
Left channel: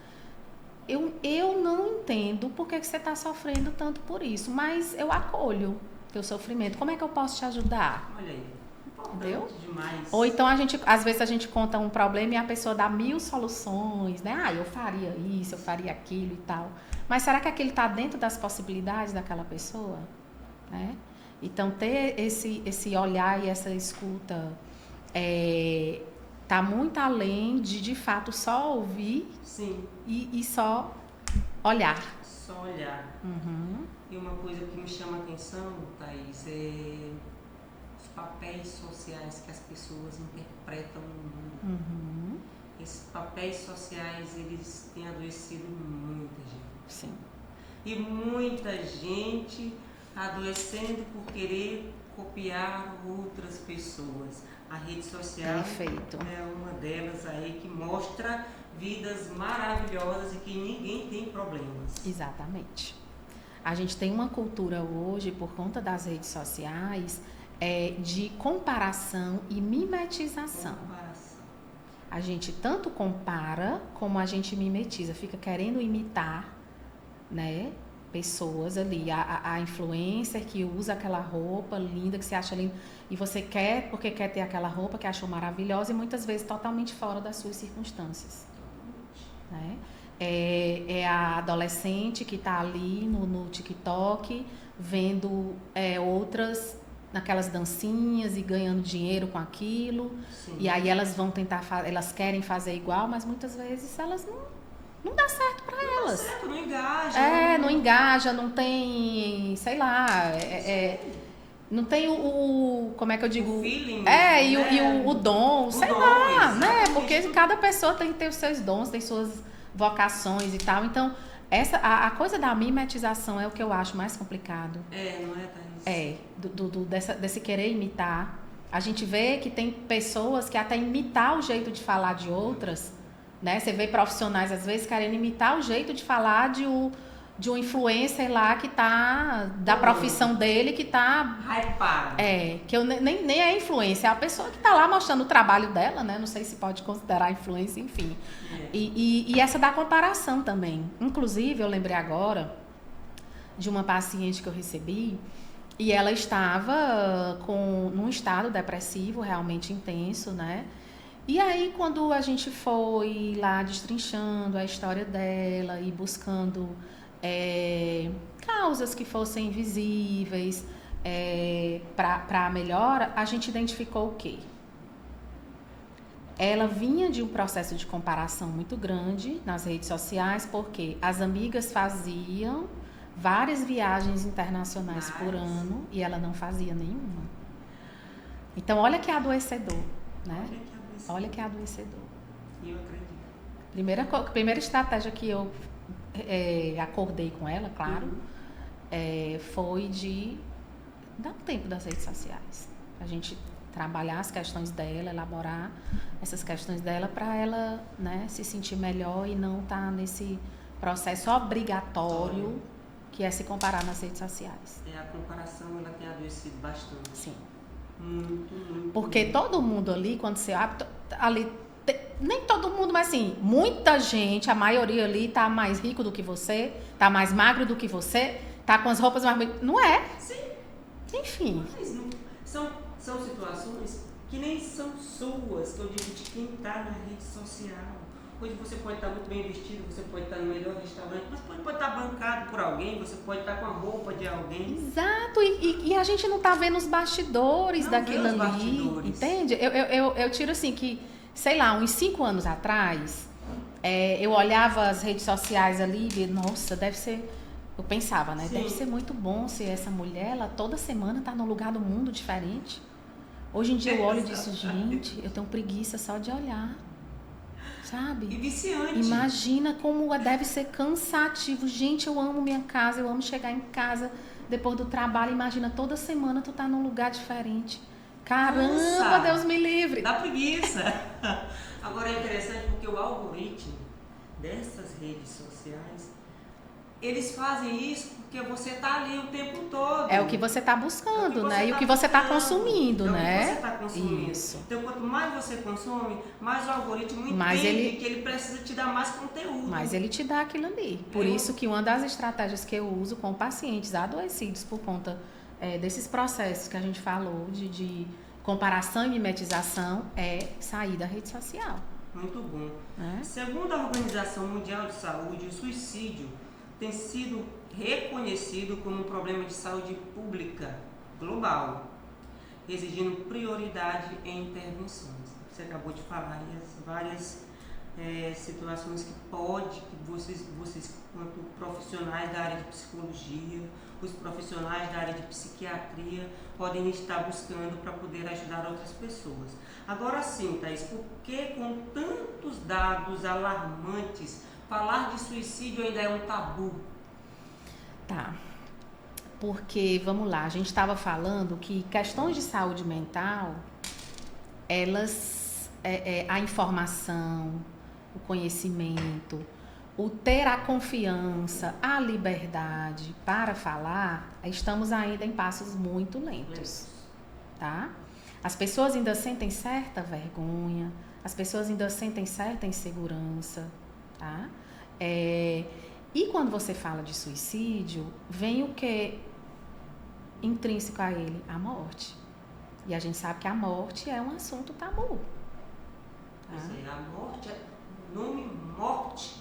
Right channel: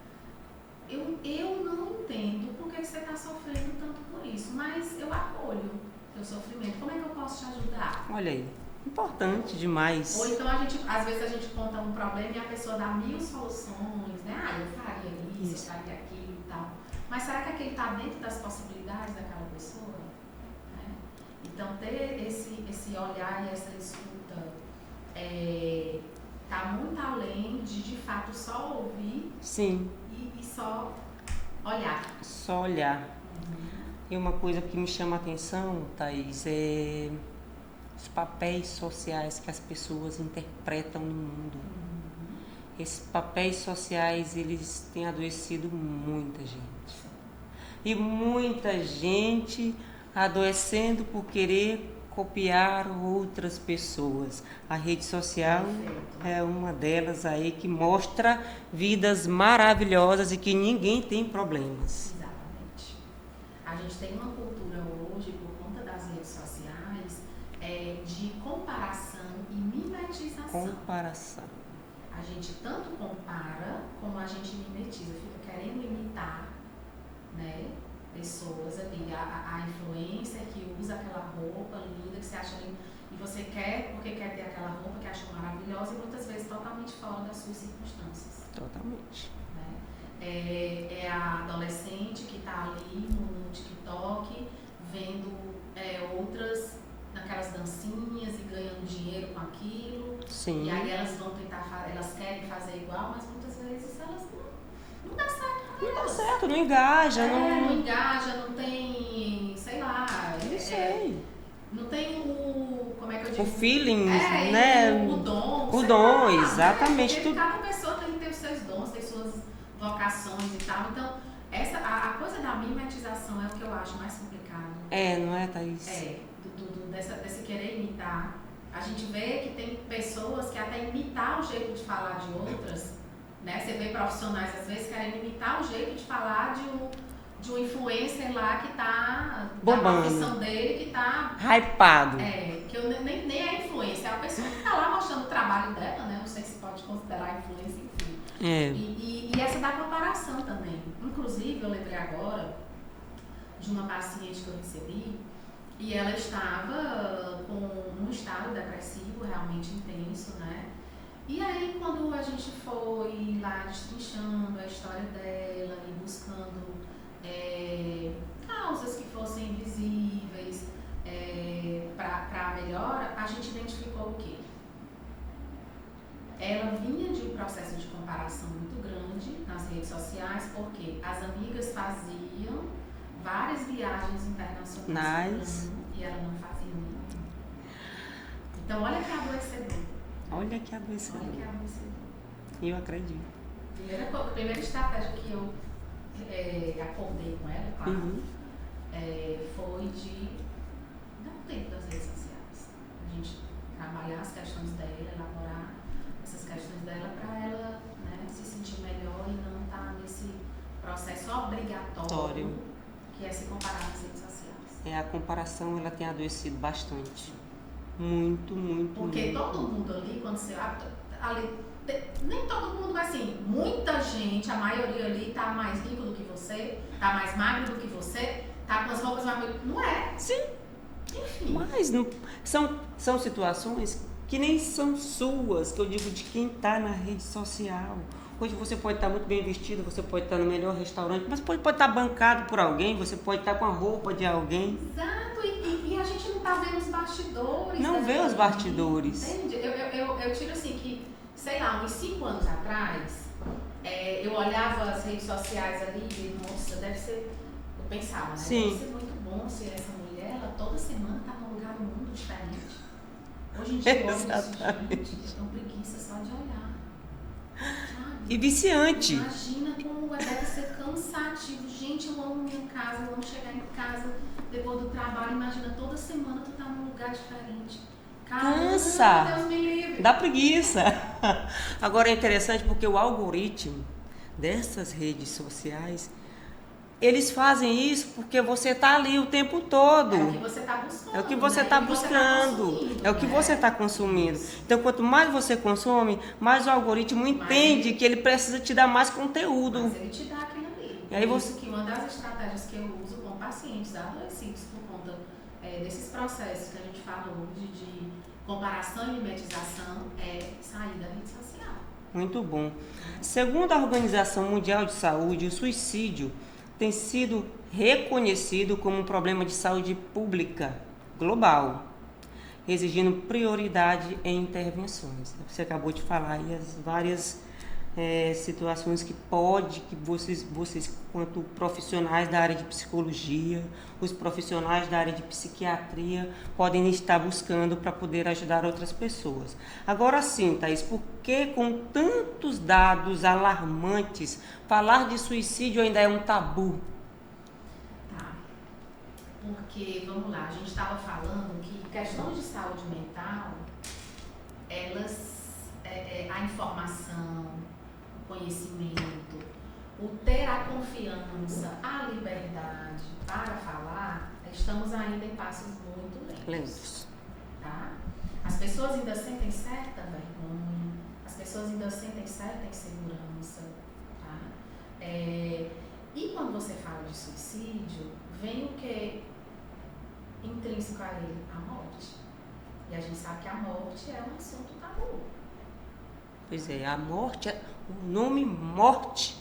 eu não entendo por que você está sofrendo tanto por isso, mas eu acolho teu sofrimento. Como é que eu posso te ajudar? Olha aí, importante demais. Ou então, às vezes a gente conta um problema e a pessoa dá 1000 soluções, né? Ah, eu faria isso, eu faria aquilo e tal. Mas será que aquilo está dentro das possibilidades daquela pessoa? Né? Então, ter esse olhar e essa escuta tá muito além de fato, só ouvir. Sim. E só olhar. Só olhar. Uhum. E uma coisa que me chama a atenção, Thaís, é os papéis sociais que as pessoas interpretam no mundo. Uhum. Esses papéis sociais, eles têm adoecido muita gente. Sim. E muita gente adoecendo por querer copiar outras pessoas. A rede social é uma delas aí que mostra vidas maravilhosas e que ninguém tem problemas. Exatamente. A gente tem uma cultura hoje, por conta das redes sociais, de comparação e mimetização. A gente tanto compara como a gente mimetiza, fica querendo imitar, né, pessoas ali, a influencer que usa aquela roupa linda, que você acha linda, e você quer, porque quer ter aquela roupa que achou maravilhosa e muitas vezes totalmente fora das suas circunstâncias. Totalmente. Né? É a adolescente que está ali no TikTok, vendo outras naquelas dancinhas e ganhando dinheiro com aquilo. Sim. E aí elas vão tentar, elas querem fazer igual, mas muitas vezes elas não dá certo pra elas. Não dá certo, não engaja. Não engaja, não tem, sei lá, não tem como é que eu digo? O feeling, né? O dom, sei lá, exatamente. Porque cada pessoa tem que ter os seus dons, tem suas vocações e tal. Então, a coisa da mimetização é o que eu acho mais complicado. Não é, Thaís? Desse querer imitar. A gente vê que tem pessoas que até imitar o jeito de falar de outras, né? Você vê profissionais, às vezes, querendo imitar o jeito de falar de um influencer lá que tá, da profissão dele, que tá... hypado. Que eu nem é influencer, é a pessoa que tá lá mostrando o trabalho dela, né? Não sei se pode considerar influência, enfim. E essa da comparação também. Inclusive, eu lembrei agora de uma paciente que eu recebi, e ela estava num estado depressivo realmente intenso, né? E aí, quando a gente foi lá destrinchando a história dela e buscando causas que fossem visíveis, para a melhora, a gente identificou o quê? Ela vinha de um processo de comparação muito grande nas redes sociais, porque as amigas faziam várias viagens internacionais por ano e ela não fazia nenhuma. Então, olha que adoecedor. Né? Olha que adoecedor. Olha que adoecedor. Eu acredito. Primeira estratégia que eu acordei com ela, claro, foi de dar um tempo das redes sociais. A gente trabalhar as questões dela, elaborar essas questões dela para ela, né, se sentir melhor e não estar nesse processo obrigatório que é se comparar nas redes sociais. A comparação, ela tem adoecido bastante. Sim. Muito, muito. Porque muito. todo mundo ali, quando você ali, nem todo mundo, mas assim, muita gente, a maioria ali tá mais rico do que você, tá mais magro do que você, tá com as roupas mais bonitas. Não é? Sim. Enfim. Mas não, são situações que nem são suas, que eu digo de quem está na rede social. Hoje você pode estar muito bem vestido, você pode estar no melhor restaurante, mas pode estar bancado por alguém, você pode estar com a roupa de alguém. Exato, e a gente não tá vendo os bastidores daquilo. Não vê os bastidores. Entende? Eu tiro assim que, sei lá, uns 5 anos atrás, eu olhava as redes sociais ali e, nossa, deve ser... Eu pensava, né? Sim. Deve ser muito bom se essa mulher, ela toda semana tá num lugar do mundo diferente. Hoje em dia eu olho e disse, gente, eu tenho preguiça só de olhar. Sabe? E viciante. Imagina como deve ser cansativo. Gente, eu amo minha casa, eu amo chegar em casa depois do trabalho. Imagina, toda semana tu tá num lugar diferente. Caramba, Cansa. Deus me livre. Dá preguiça. Agora é interessante porque o algoritmo dessas redes sociais, eles fazem isso porque você tá ali o tempo todo. É o que você tá buscando, é o que você né? tá E o que você tá consumindo, É né? o que você tá consumindo. Isso. Então, quanto mais você consome, mais o algoritmo entende que ele precisa te dar mais conteúdo. Mas ele te dá aquilo ali. Por isso que uma das estratégias que eu uso com pacientes adoecidos por conta desses processos que a gente falou de comparação e mimetização é sair da rede social. Muito bom. Segundo a Organização Mundial de Saúde, o suicídio tem sido reconhecido como um problema de saúde pública global, exigindo prioridade em intervenções. Você acabou de falar aí as várias situações que vocês, quanto profissionais da área de psicologia, os profissionais da área de psiquiatria, podem estar buscando para poder ajudar outras pessoas. Agora sim, Thaís, por que com tantos dados alarmantes, falar de suicídio ainda é um tabu? Tá. Porque, vamos lá, a gente estava falando que questões de saúde mental, elas, a informação, o conhecimento, o ter a confiança, a liberdade para falar, estamos ainda em passos muito lentos, tá? As pessoas ainda sentem certa vergonha, as pessoas ainda sentem certa insegurança, tá? E quando você fala de suicídio, vem o que intrínseco a ele? A morte. E a gente sabe que a morte é um assunto tabu. Pois é, a morte, o nome morte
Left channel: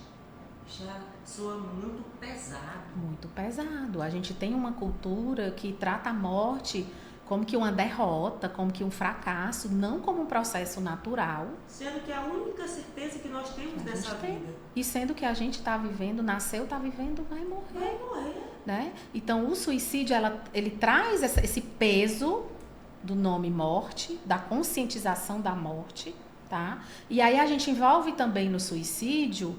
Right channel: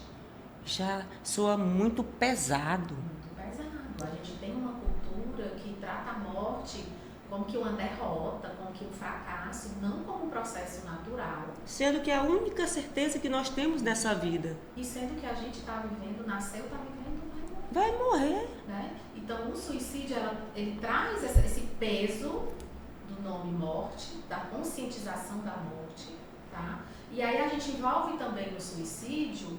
já soa muito pesado. Muito pesado. A gente tem uma cultura que trata a morte como que uma derrota, como que um fracasso, não como um processo natural. Sendo que é a única certeza que nós temos nessa vida. E sendo que a gente está vivendo, nasceu, está vivendo, vai morrer. Vai morrer. Né? Então, o suicídio, ele traz esse peso do nome morte, da conscientização da morte, tá? E aí a gente envolve também no suicídio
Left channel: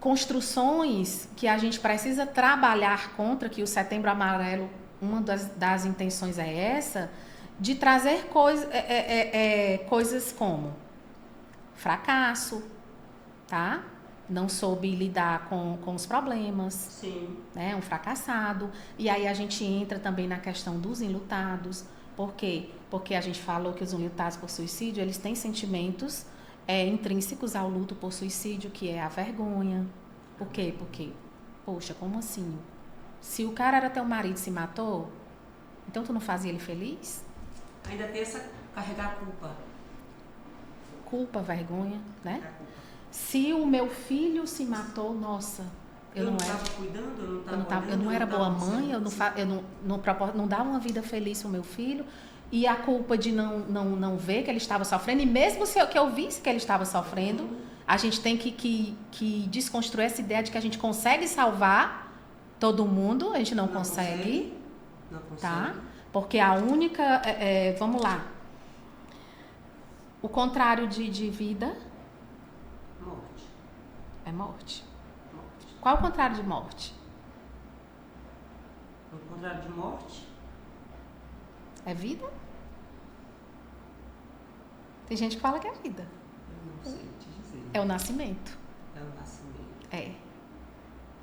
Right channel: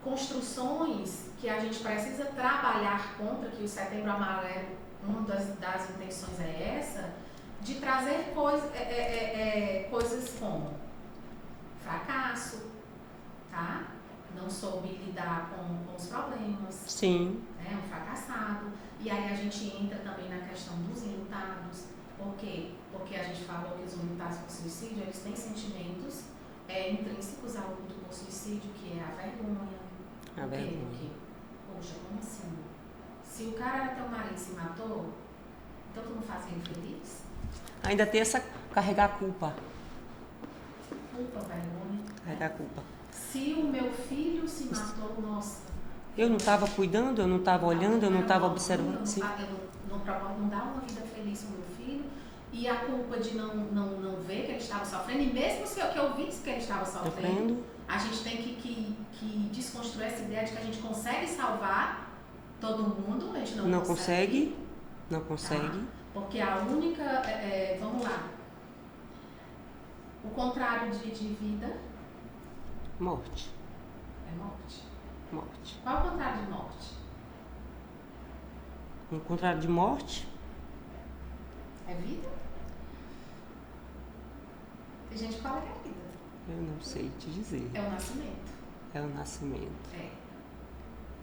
construções que a gente precisa trabalhar contra, que o Setembro Amarelo, uma das intenções é essa, de trazer coisas como fracasso, tá? Não soube lidar com os problemas. Sim. Né? Um fracassado. E aí a gente entra também na questão dos enlutados. Por quê? Porque a gente falou que os enlutados por suicídio, eles têm sentimentos intrínsecos ao luto por suicídio, que é a vergonha. Por quê? Porque, poxa, como assim? Se o cara era teu marido e se matou, então tu não fazia ele feliz? Ainda tem essa carregar a culpa. Culpa, vergonha, né? Carregar a culpa. Se o meu filho se matou, nossa, Eu não estava cuidando, eu não estava olhando, eu não estava observando. Eu não dava uma vida feliz para o meu filho. E a culpa de não ver que ele estava sofrendo, e mesmo que eu visse que ele estava sofrendo, a gente tem que desconstruir essa ideia de que a gente consegue salvar todo mundo, a gente não consegue. Não consegue. Tá? Porque a única... vamos lá. O contrário de vida... Morte. É morte. Morte. Qual é o contrário de morte? O contrário de morte? É vida? Tem gente que fala que é vida. Eu não sei te dizer. É o nascimento. É o nascimento. É.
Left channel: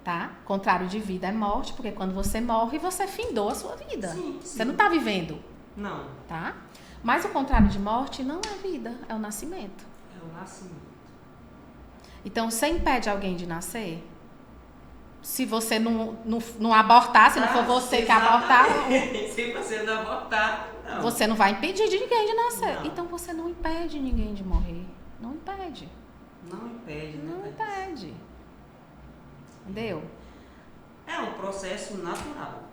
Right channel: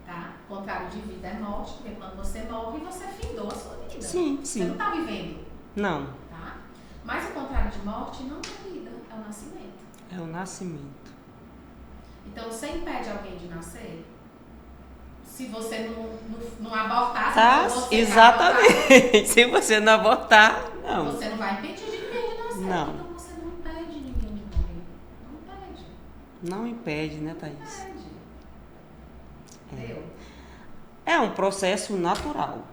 Tá? Contrário de vida é morte, porque quando você morre, você findou a sua vida. Sim, Você não tá vivendo. Não. Tá? Mas o contrário de morte não é vida, é o nascimento. É o nascimento. Então, você impede alguém de nascer? Se você não abortar, se não for você que abortar. Se você não abortar, não. Você não vai impedir de ninguém de nascer. Não. Então, você não impede ninguém de morrer. Não impede. Não impede, né, Thaís? Não impede. Entendeu? É um processo natural.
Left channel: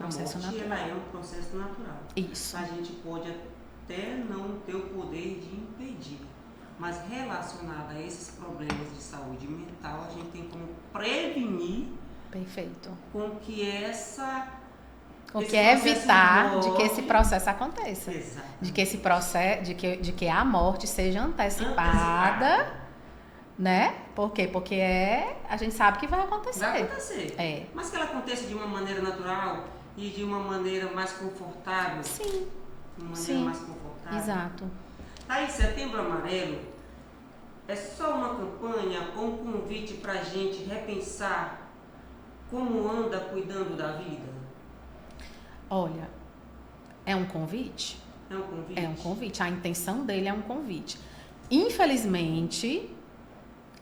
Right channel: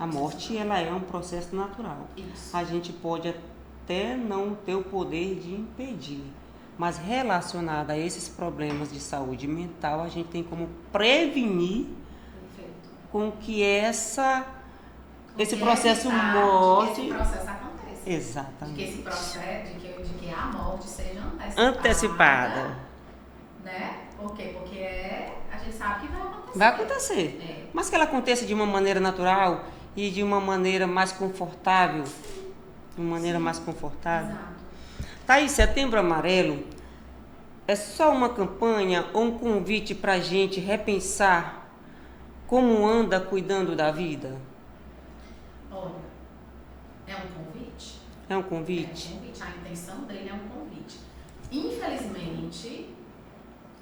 A morte, ela é um processo natural. Isso. A gente pode até não ter o poder de impedir. Mas relacionado a esses problemas de saúde mental, a gente tem como prevenir. Perfeito. Com que esse processo evitar de que esse processo aconteça. Exato. De que esse processo, de que a morte seja antecipada. Né? Por quê? Porque a gente sabe que vai acontecer. Vai acontecer. Mas que ela aconteça de uma maneira natural e de uma maneira mais confortável. Sim. De uma maneira mais confortável. Exato. Thaís, Setembro Amarelo é só uma campanha ou um convite para a gente repensar como anda cuidando da vida? Olha, é um convite? É um convite? É um convite. A intenção dele é um convite. Infelizmente,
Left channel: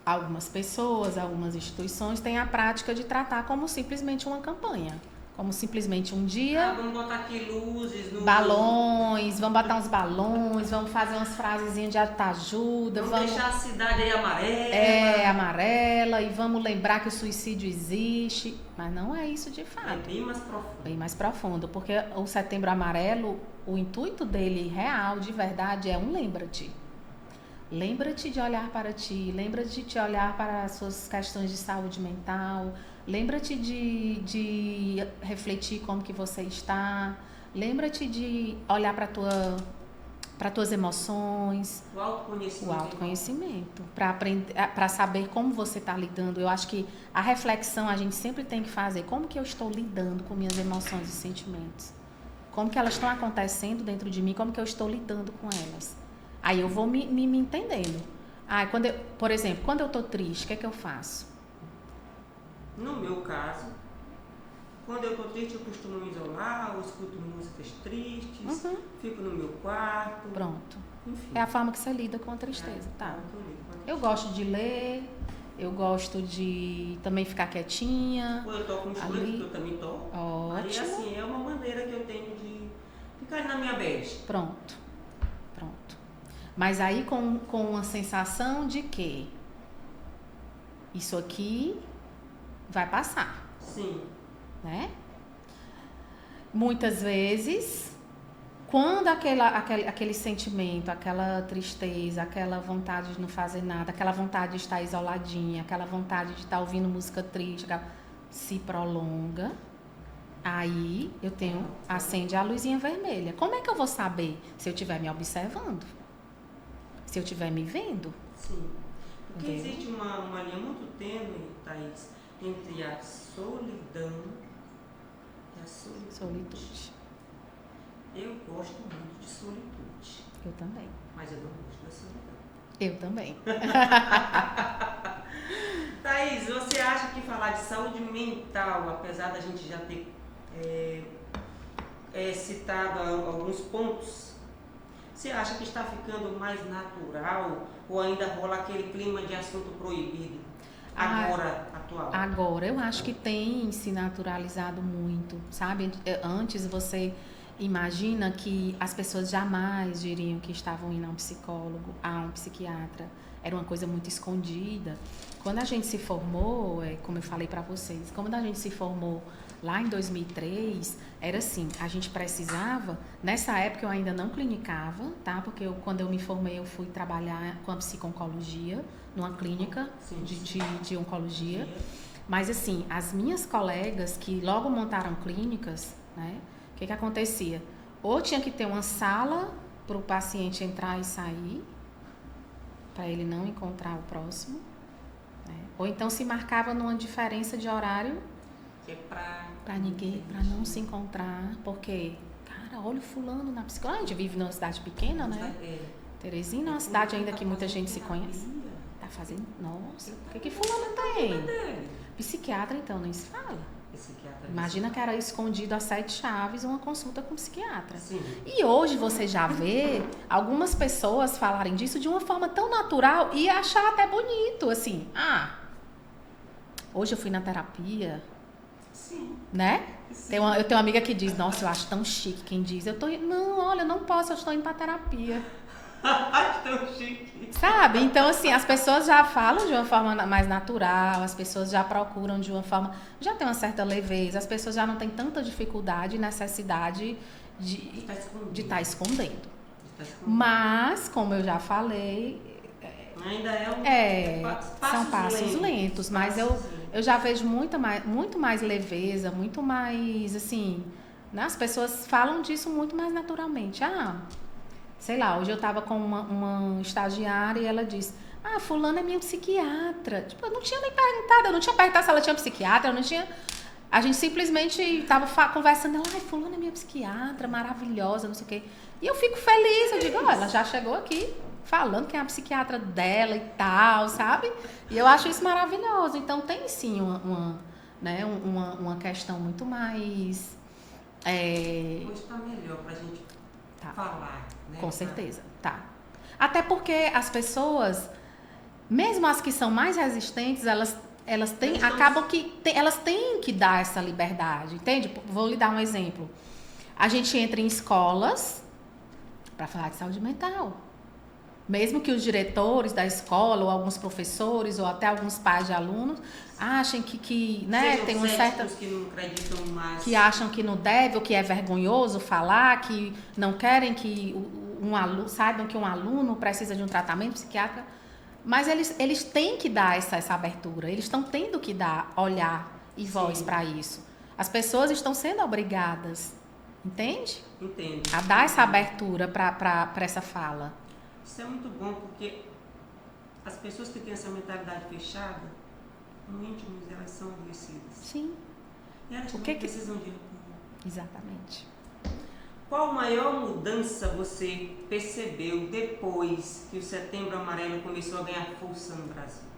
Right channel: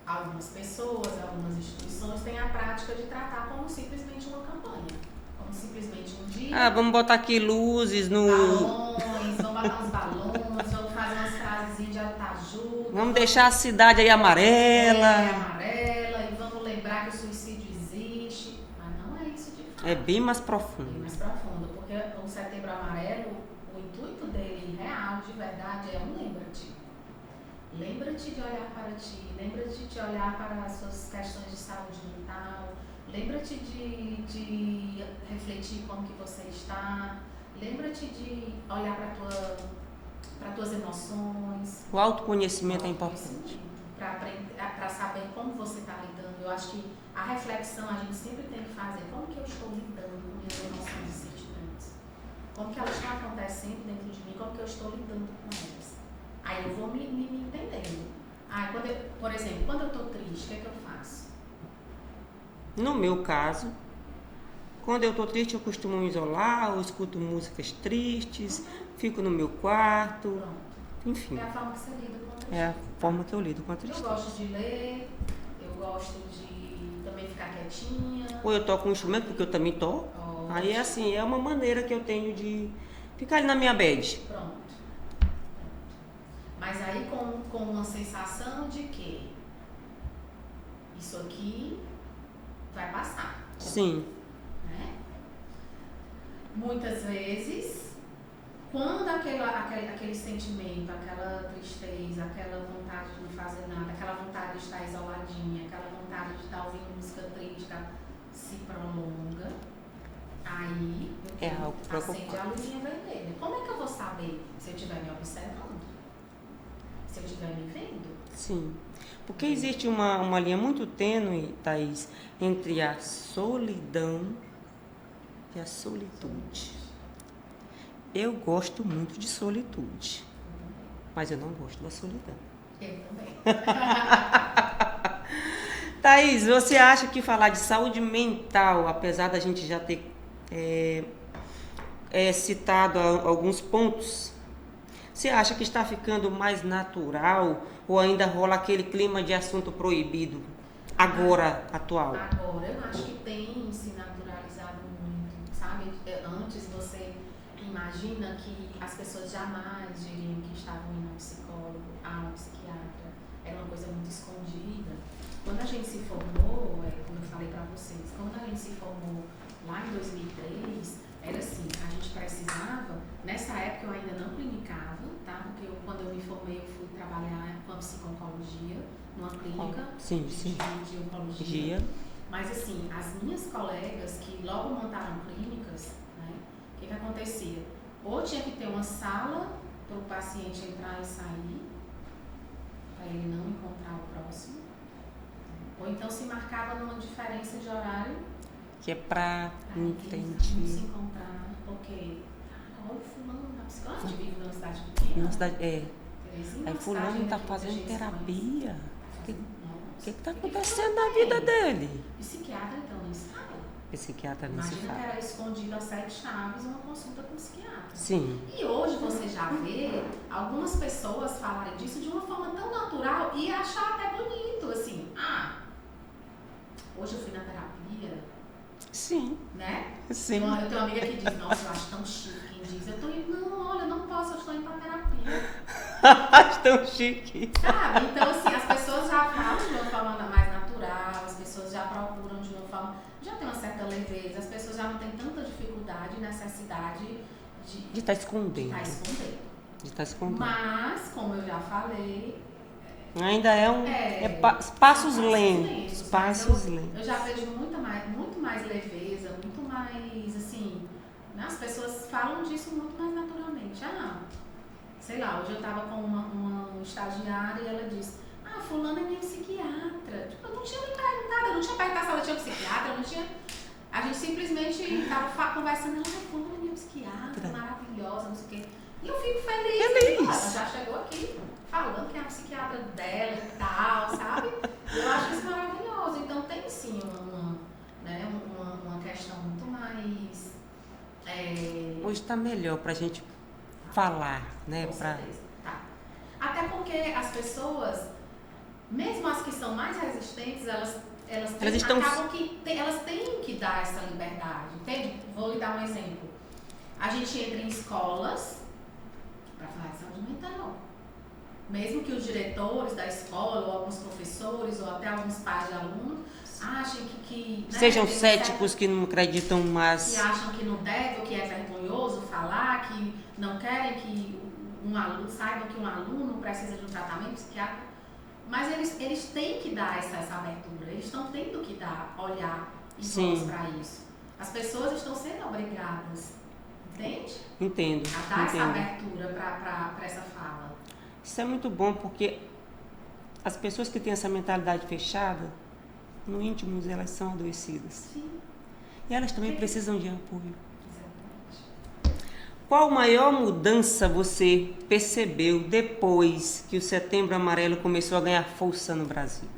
algumas pessoas, algumas instituições têm a prática de tratar como simplesmente uma campanha. Como simplesmente um dia... vamos botar aqui luzes no... Balões, vamos botar uns balões, vamos fazer umas frasezinhas de autoajuda. Vamos deixar a cidade aí amarela. Amarela, e vamos lembrar que o suicídio existe. Mas não é isso de fato. É bem mais profundo. Bem mais profundo, porque o Setembro Amarelo, o intuito dele real, de verdade, é um lembra-te. Lembra-te de olhar para ti, lembra-te de olhar para as suas questões de saúde mental, lembra-te de refletir como que você está, lembra-te de olhar para tuas emoções. O autoconhecimento é importante. Para aprender, para saber como você está lidando. Eu acho que a reflexão a gente sempre tem que fazer. Como que eu estou lidando com minhas emoções e sentimentos? Como que elas estão acontecendo dentro de mim? Como que eu estou lidando com elas? Aí eu vou me entendendo. Por exemplo, quando eu estou triste, o que é que eu faço? No meu caso, quando eu estou triste, eu costumo me isolar, eu escuto músicas tristes, fico no meu quarto. Pronto. Enfim. É a forma que você lida com a tristeza. É a forma que eu lido com a tristeza. Eu gosto de ler, eu gosto de também ficar quietinha. Ou eu toco um instrumento, porque eu também toco. Aí, assim, é uma maneira que eu tenho de ficar ali na minha bed. Pronto. Mas aí com a sensação de que isso aqui vai passar. Sim. Né? Muitas vezes, quando aquele sentimento, aquela tristeza, aquela vontade de não fazer nada, aquela vontade de estar isoladinha, aquela vontade de estar ouvindo música triste, se prolonga, aí eu tenho, acende a luzinha vermelha. Como é que eu vou saber se eu estiver me observando? Se eu estiver me vendo? Sim. Porque existe uma linha muito tênue, Thaís, entre a solidão e a solitude. Eu gosto muito de solitude. Eu também. Mas eu não gosto da solidão. Eu também. Thaís, você acha que falar de saúde mental, apesar da gente já ter citado alguns pontos, você acha que está ficando mais natural ou ainda rola aquele clima de assunto proibido atual? Agora, eu acho que tem se naturalizado muito, sabe? Antes você imagina que as pessoas jamais diriam que estavam indo a um psicólogo, a um psiquiatra. era uma coisa muito escondida. Quando a gente se formou, como eu falei para vocês, quando a gente se formou lá em 2003, era assim, a gente precisava, nessa época eu ainda não clinicava, tá? Porque quando eu me formei eu fui trabalhar com a psico-oncologia, numa clínica de oncologia. Mas assim, as minhas colegas que logo montaram clínicas, né? O que acontecia? Ou tinha que ter uma sala para o paciente entrar e sair, para ele não encontrar o próximo, né? Ou então se marcava numa diferença de horário que é para ninguém, para não se encontrar, porque, cara, olha o fulano na psicologia. A gente vive numa cidade pequena, né? Teresina é uma cidade ainda que muita gente se conhece. Tá fazendo. Nossa, o que tá acontecendo na vida dele? Psiquiatra, então, nem se fala. Psiquiatra. Imagina que era escondido a 7 chaves uma consulta com psiquiatra. Sim. E hoje você já vê algumas pessoas falarem disso de uma forma tão natural e achar até bonito, assim. Hoje eu fui na terapia. Sim. Né? Sim. Eu tenho uma amiga que diz, nossa, eu acho tão chique quem diz. Não, olha, eu não posso, eu estou indo pra terapia. Acho tão chique. Sabe? Então, assim, as pessoas já falam de uma forma mais natural, as pessoas já procuram de uma forma... Já tem uma certa leveza, as pessoas já não têm tanta dificuldade e necessidade de estar escondendo. De estar escondendo. Mas, como eu já falei... Ainda passos lentos. Mas eu já vejo muito mais leveza, muito mais, assim... Né? As pessoas falam disso muito mais naturalmente. Sei lá, hoje eu tava com uma estagiária e ela disse, fulana é minha psiquiatra. Tipo, eu não tinha nem perguntado, eu não tinha perguntado se ela tinha psiquiatra, eu não tinha... A gente simplesmente tava conversando, ela, fulana é minha psiquiatra, maravilhosa, não sei o quê. E eu fico feliz. Eu digo, ela já chegou aqui falando que é a psiquiatra dela e tal, sabe? E eu acho isso maravilhoso. Então tem sim uma questão muito mais... Hoje está melhor pra gente falar, né? Com certeza, tá. Até porque as pessoas, mesmo as que são mais resistentes, elas têm que dar essa liberdade, entende? Vou lhe dar um exemplo. A gente entra em escolas para falar de saúde mental. Mesmo que os diretores da escola, ou alguns professores, ou até alguns pais de alunos, achem que né, sejam céticos que não acreditam mais. Que acham que não deve, ou que é vergonhoso falar, que não querem que um aluno, saibam que um aluno precisa de um tratamento psiquiátrico. Mas eles têm que dar essa abertura, eles estão tendo que olhar e voz para isso. As pessoas estão sendo obrigadas, entende? Entendo. A dar essa abertura para essa fala. Isso é muito bom porque as pessoas que têm essa mentalidade fechada, no íntimo elas são adoecidas. Sim. E elas também precisam de apoio. Exatamente. Qual maior mudança você percebeu depois que o Setembro Amarelo começou a ganhar força no Brasil?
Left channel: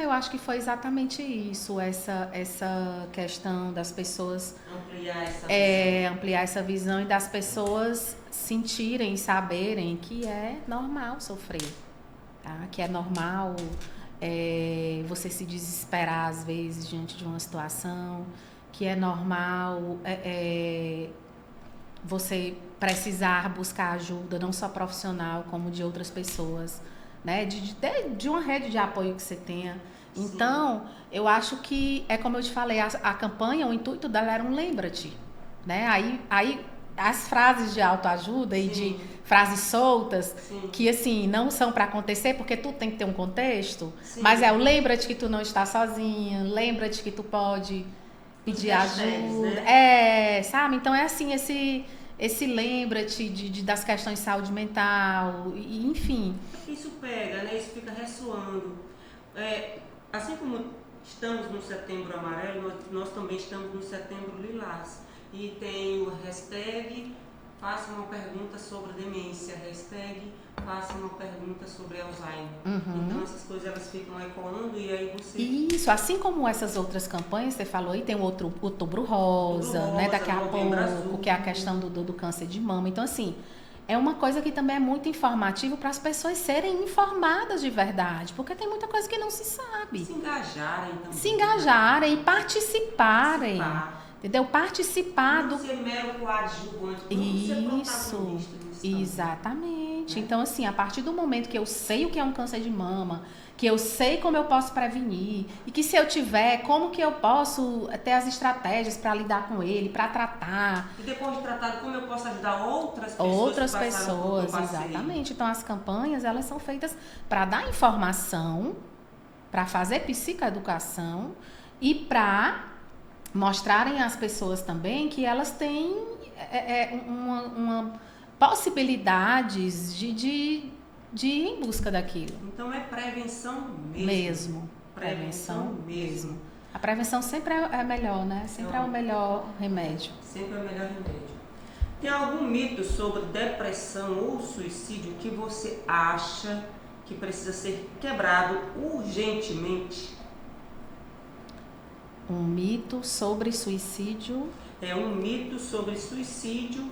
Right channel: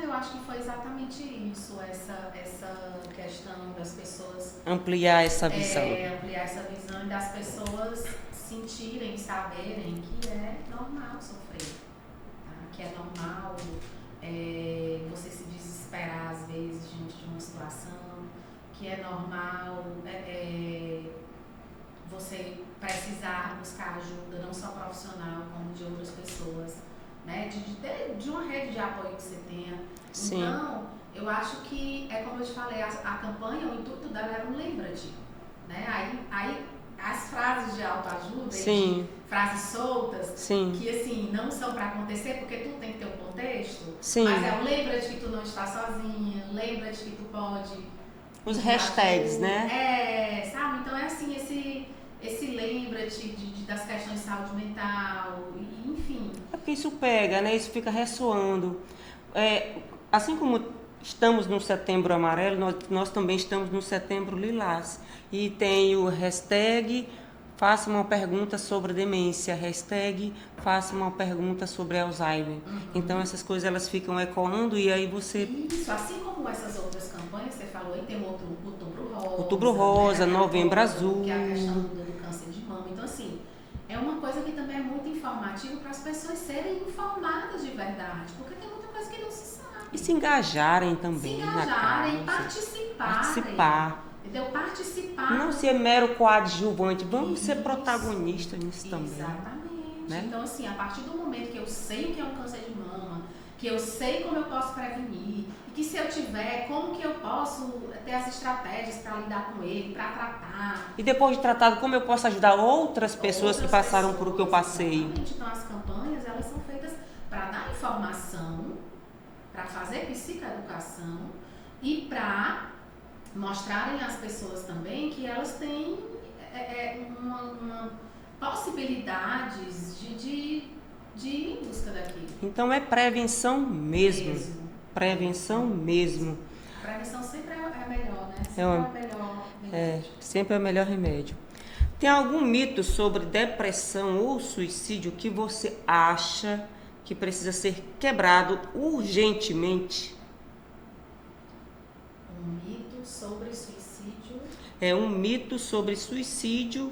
Eu acho que foi exatamente isso, essa questão das pessoas... Ampliar essa visão. Ampliar essa visão e das pessoas sentirem, saberem que é normal sofrer, tá? Que é normal você se desesperar às vezes diante de uma situação, que é normal você precisar buscar ajuda, não só profissional, como de outras pessoas, né? De uma rede de apoio que você tenha. Sim. Então, eu acho que, como eu te falei, a campanha, o intuito dela era um lembra-te, né? Aí as frases de autoajuda e de frases soltas, que assim, não são para acontecer, porque tudo tem que ter um contexto, mas o lembra-te que tu não está sozinha, lembra-te que tu pode... Os hashtags, né? Sabe? Então é assim, esse lembra-te das questões de saúde mental, enfim. É porque isso pega, né? Isso fica ressoando. Assim como estamos no Setembro Amarelo, nós também estamos no Setembro Lilás. E tem o hashtag faça uma pergunta sobre demência, hashtag faça uma pergunta sobre Alzheimer. Então essas coisas elas ficam ecoando e aí você... Isso, assim como essas outras campanhas, você falou aí, tem o Outubro Rosa, né, Novembro Azul, que é a questão do câncer de mama. Então assim, é uma coisa que também é muito informativa para as pessoas serem informadas de verdade, porque tem muita coisa que não se sabe. E se engajarem também. Se engajarem, participarem. Entendeu? Participar. Não ser mero coadjuvante, vamos ser protagonistas nisso também. né? Então, assim, a partir do momento que eu sei o que é um câncer de mama, que eu sei como eu posso prevenir, e que se eu tiver, como que eu posso ter as estratégias para lidar com ele, para tratar. E depois de tratado, como eu posso ajudar outras pessoas que passaram por o que eu passei? Exatamente. Então, as campanhas, elas são feitas para dar informação, para fazer psicoeducação e para mostrarem às pessoas também que elas têm uma possibilidades de ir em busca daquilo. Então é prevenção mesmo. Prevenção mesmo. A prevenção sempre é melhor, né? Sempre é o melhor remédio. Sempre é o melhor remédio. Tem algum mito sobre depressão ou suicídio que você acha que precisa ser quebrado urgentemente? Um mito sobre suicídio. É um mito sobre suicídio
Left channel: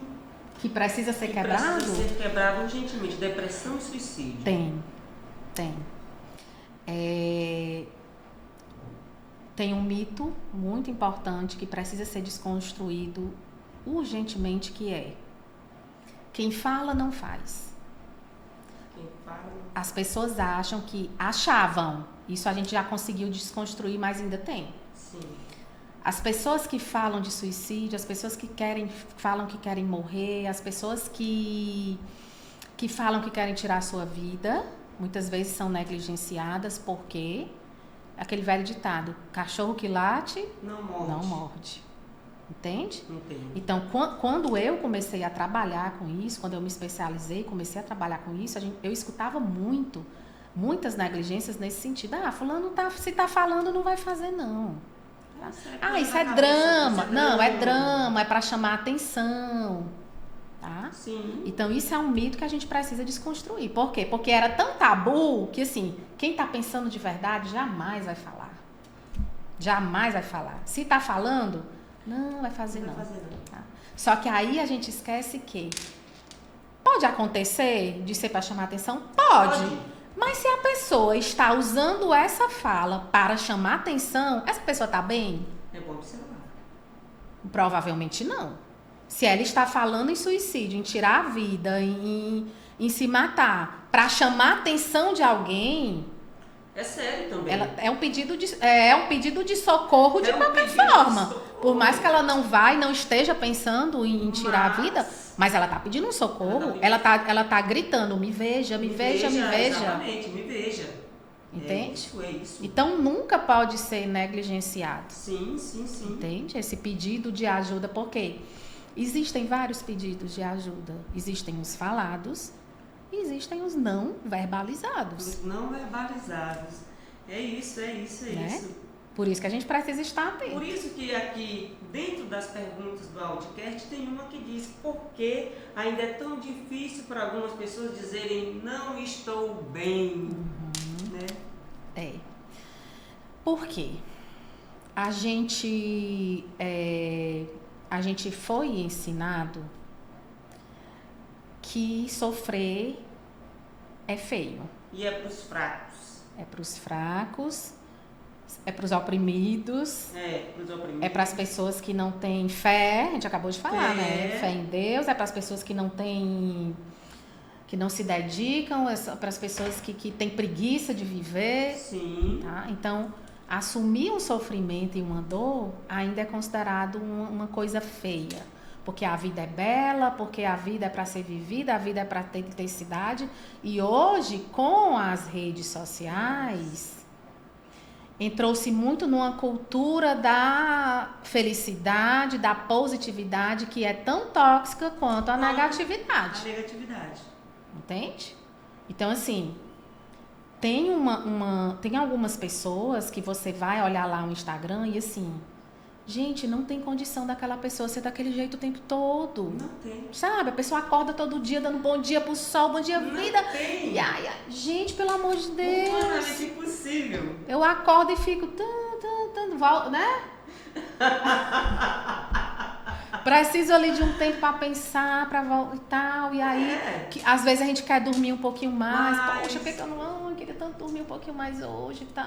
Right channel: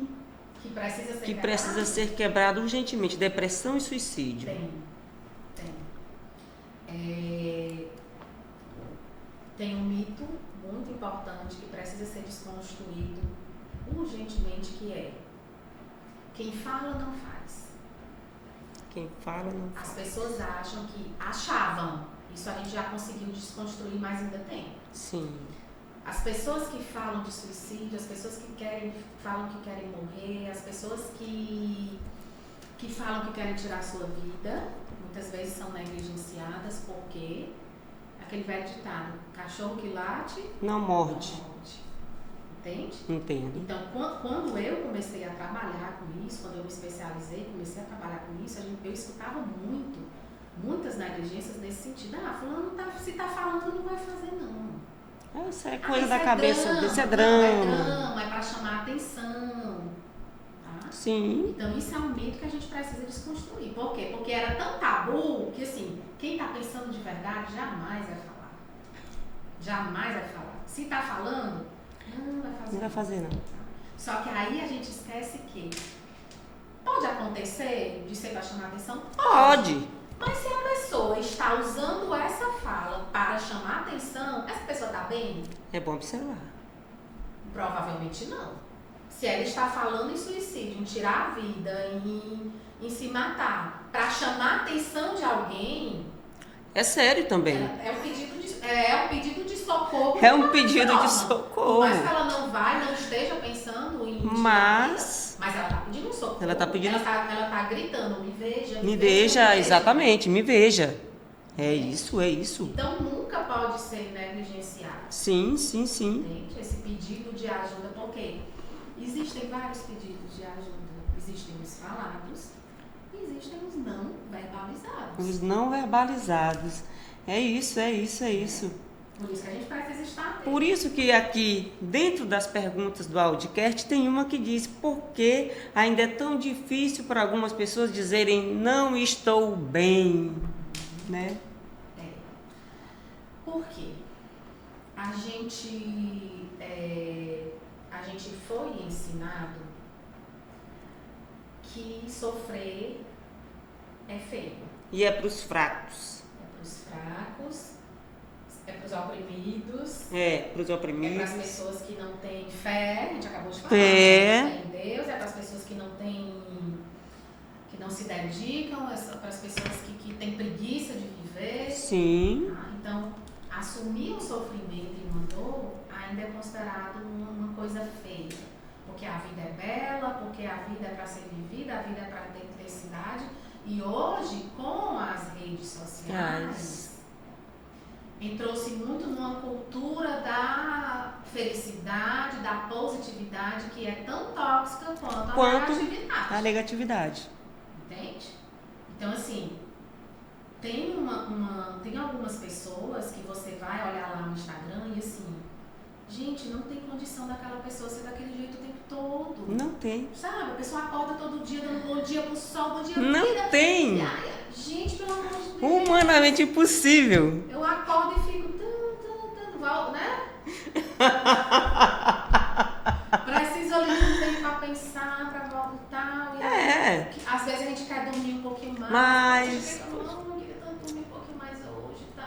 que precisa ser quebrado? Precisa ser quebrado urgentemente. Depressão e suicídio. Tem. Tem um mito muito importante que precisa ser desconstruído urgentemente, que é: quem fala não faz. Quem fala não faz. As pessoas achavam, isso a gente já conseguiu desconstruir, mas ainda tem. Sim. As pessoas que falam de suicídio, as pessoas que falam que querem morrer, as pessoas que falam que querem tirar a sua vida, muitas vezes são negligenciadas, porque aquele velho ditado: cachorro que late não morde. Entende? Entendo. Então, quando eu comecei a trabalhar com isso, quando eu me especializei, comecei a trabalhar com isso, eu escutava muitas negligências nesse sentido. Fulano se tá falando, não vai fazer, não. Isso é drama. Isso é drama. Não, é drama, é para chamar a atenção. Tá? Sim. Então, isso é um mito que a gente precisa desconstruir. Por quê? Porque era tão tabu que, assim, quem tá pensando de verdade jamais vai falar. Jamais vai falar. Se tá falando, não vai fazer. Não vai fazer, não. Tá? Só que aí a gente esquece que pode acontecer de ser para chamar a atenção? Pode. Mas se a pessoa está usando essa fala para chamar atenção, essa pessoa está bem? É bom observar. Provavelmente não. Se ela está falando em suicídio, em tirar a vida, em se matar, para chamar a atenção de alguém... É sério também. É um pedido de socorro. É um pedido de socorro. Por mais que ela não esteja pensando em tirar a vida, mas ela está pedindo um socorro. Ela tá gritando: me veja, me veja. Exatamente, me veja. Entende? É isso. Então nunca pode ser negligenciado. Sim. Entende? Esse pedido de ajuda, porque existem vários pedidos de ajuda. Existem os falados. Existem os não verbalizados. Os não verbalizados. É isso. Por isso que a gente precisa estar atento. Por isso que aqui, dentro das perguntas do Audicast, tem uma que diz: por que ainda é tão difícil para algumas pessoas dizerem não estou bem? Né? Por quê? A gente foi ensinado que sofrer é feio. E é para os fracos. É para os fracos, é para os oprimidos. Para os oprimidos. É para as pessoas que não têm fé, a gente acabou de falar, fé em Deus. É para as pessoas que não se dedicam, é para as pessoas que têm preguiça de viver. Sim. Tá? Então, assumir um sofrimento e uma dor ainda é considerado uma coisa feia. Porque a vida é bela, porque a vida é para ser vivida, a vida é para ter intensidade. E hoje, com as redes sociais, entrou-se muito numa cultura da felicidade, da positividade, que é tão tóxica quanto a negatividade. A negatividade. Entende? Então, assim, tem algumas pessoas que você vai olhar lá no Instagram e, assim... Gente, não tem condição daquela pessoa ser daquele jeito o tempo todo. Não tem. Sabe? A pessoa acorda todo dia dando bom dia pro sol, bom dia vida. Não tem. Gente, pelo amor de Deus. Humanamente impossível. Eu acordo e fico... né? Preciso ali de um tempo pra pensar, pra voltar e tal. E aí, às vezes a gente quer dormir um pouquinho mais. Poxa, eu queria tanto dormir um pouquinho mais hoje e tal.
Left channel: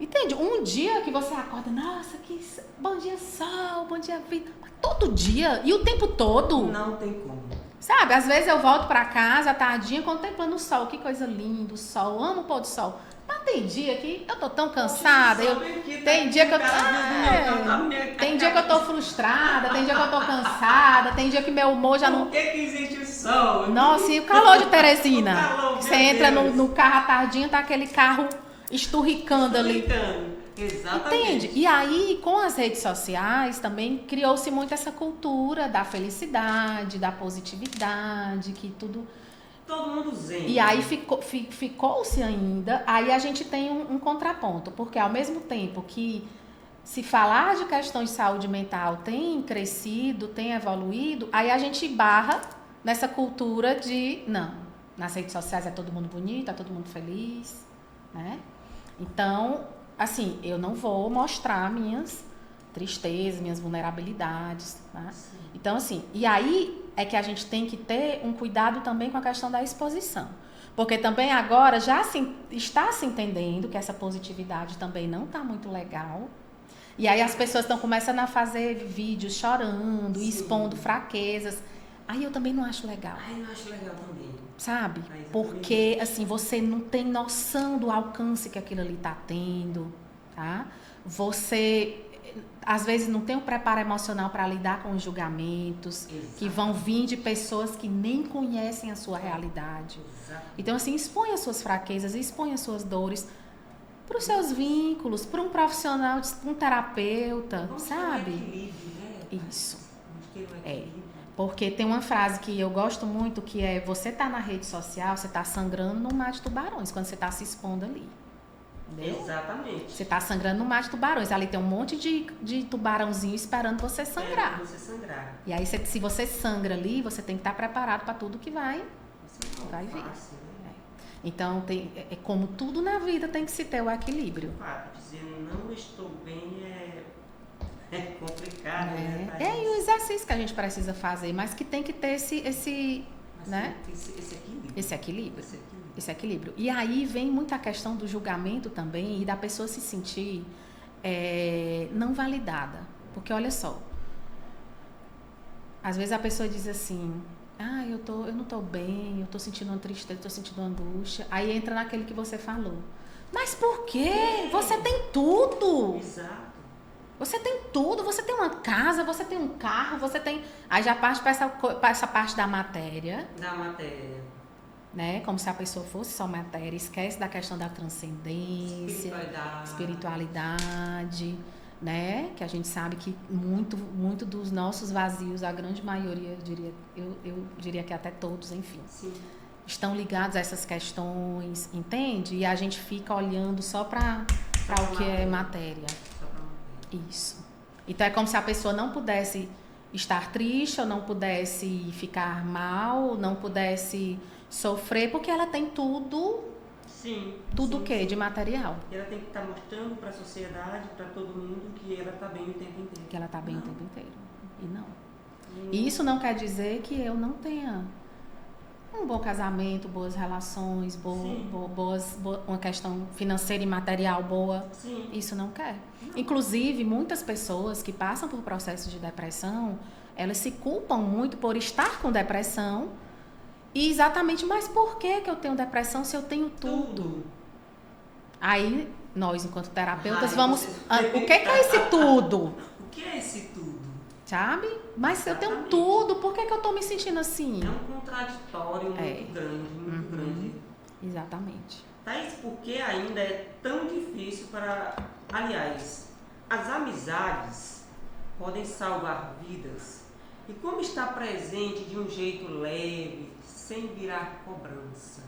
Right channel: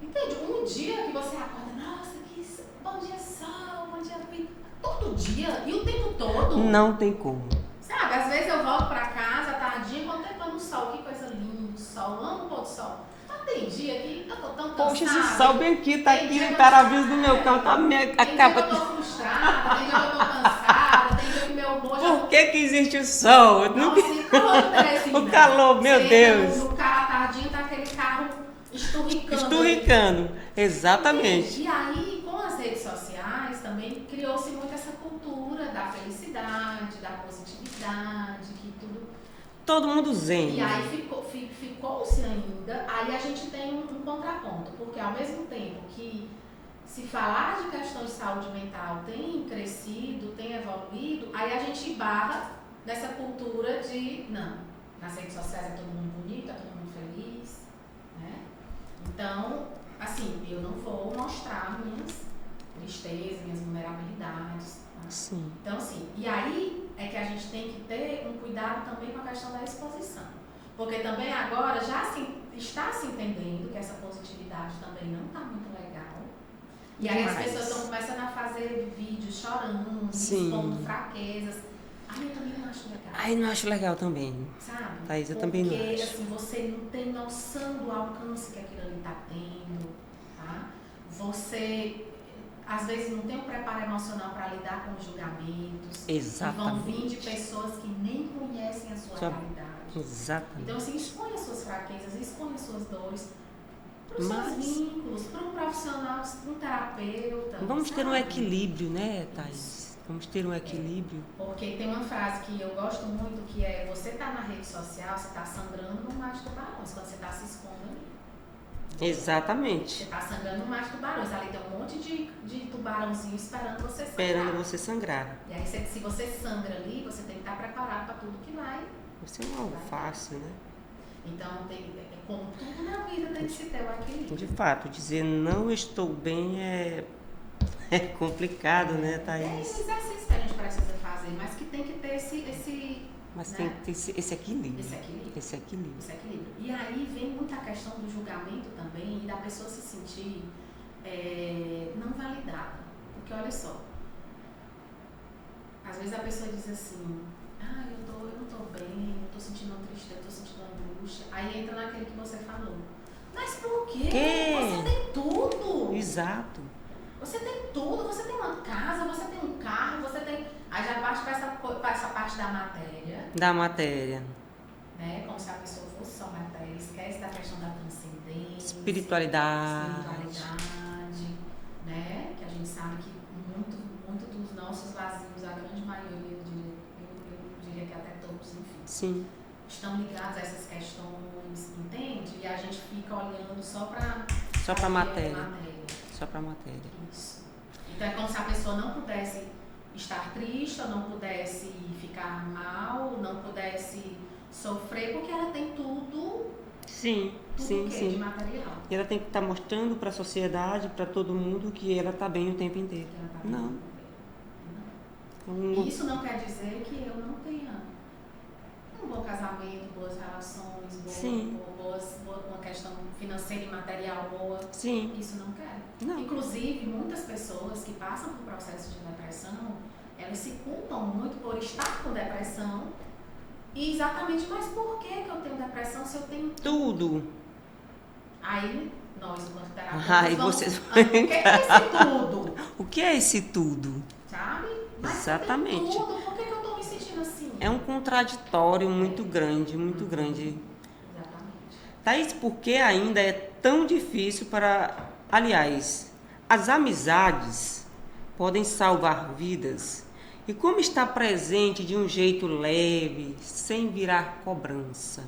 Entende? Um dia que você acorda, nossa, que bom dia sol, bom dia vida. Mas todo dia e o tempo todo. Não tem como. Sabe, às vezes eu volto pra casa à tardinha contemplando o sol, que coisa linda, o sol, amo o pôr do sol. Mas tem dia que eu tô tão cansada. Tem dia que eu tem dia que eu tô frustrada, tem dia que eu tô cansada, tem dia que meu humor já não... Por que existe o sol? Nossa, e o calor de Teresina? O calor, meu Deus. Você entra no carro à tardinha, tá aquele carro esturricando ali. Exatamente. Entende? E aí, com as redes sociais, também criou-se muito essa cultura da felicidade, da positividade, que tudo... Todo mundo zen. E aí ficou-se ainda, aí a gente tem um contraponto, porque ao mesmo tempo que se falar de questões de saúde mental tem crescido, tem evoluído, aí a gente barra nessa cultura de, não, nas redes sociais é todo mundo bonito, é todo mundo feliz, né? Então, assim, eu não vou mostrar minhas tristezas, minhas vulnerabilidades, tá? Sim. Então, assim, e aí é que a gente tem que ter um cuidado também com a questão da exposição. Porque também agora já está se entendendo que essa positividade também não está muito legal. E aí as pessoas estão começando a fazer vídeos chorando, Sim. expondo fraquezas. Aí eu também não acho legal. Aí não acho legal também. Sabe? Thaís, eu porque, também não acho. assim, você não tem noção do alcance que aquilo ali está tendo, tá? Você, às vezes, não tem um preparo emocional para lidar com os julgamentos. Exatamente. Que vão vir de pessoas que nem conhecem a sua realidade. Exatamente. Então, assim, expõe as suas fraquezas, expõe as suas dores para os seus vínculos, para um profissional, para um terapeuta. Vamos sabe? ter um equilíbrio, né, Thaís? Isso. Vamos ter um equilíbrio. Porque tem uma frase que eu gosto muito, que é: você tá na rede social, você tá sangrando no mar de tubarões, quando você tá se expondo ali. Exatamente. Você tá sangrando no mar de tubarões. Ali tem um monte de tubarãozinho esperando você sangrar. Esperando você sangrar. E aí, se você sangra ali, você tem que estar preparado para tudo que vai. Você não é fácil, né? Então, é como tudo na vida tem que se ter o equilíbrio. De fato, dizer não estou bem é complicado, né, Thaís? É o exercício que a gente precisa fazer, mas que tem que ter Mas né? tem esse equilíbrio. Esse equilíbrio. E aí vem muita questão do julgamento também e da pessoa se sentir não validada. Porque olha só, às vezes a pessoa diz assim: eu não tô bem, eu tô sentindo uma tristeza, tô sentindo uma angústia. Aí entra naquele que você falou. Mas por quê? Você tem tudo. Exato. Você tem tudo, você tem uma casa, você tem um carro, você tem... Aí já parte para essa parte da matéria. Da matéria. Né? Como se a pessoa fosse só matéria. Esquece da questão da transcendência. Espiritualidade. Né? Que a gente sabe que muito dos nossos vazios, a grande maioria, eu diria que até todos, enfim. Sim. Estão ligados a essas questões, entende? E a gente fica olhando só para matéria. Só para matéria. Isso. Então é como se a pessoa não pudesse estar triste, ou não pudesse ficar mal, não pudesse sofrer, porque ela tem tudo. Sim. Tudo o quê? De material. E ela tem que estar mostrando para a sociedade, para todo mundo, que ela está bem o tempo inteiro. Que ela está bem o tempo inteiro. E não. E isso não quer dizer que eu não tenha um bom casamento, boas relações, uma questão financeira e material boa. Sim. Isso não quer. Não. Inclusive, muitas pessoas que passam por processos de depressão, elas se culpam muito por estar com depressão. E exatamente, mas por que eu tenho depressão se eu tenho tudo? Aí, nós, enquanto terapeutas, vamos... O que é esse tudo? O que é esse tudo? Sabe? Mas Exatamente. se eu tenho tudo, por que eu tô me sentindo assim? É um contraditório muito grande, muito grande. Exatamente. Thaís, por que ainda é tão difícil para... Aliás, as amizades podem salvar vidas? E como estar presente de um jeito leve, sem virar cobrança?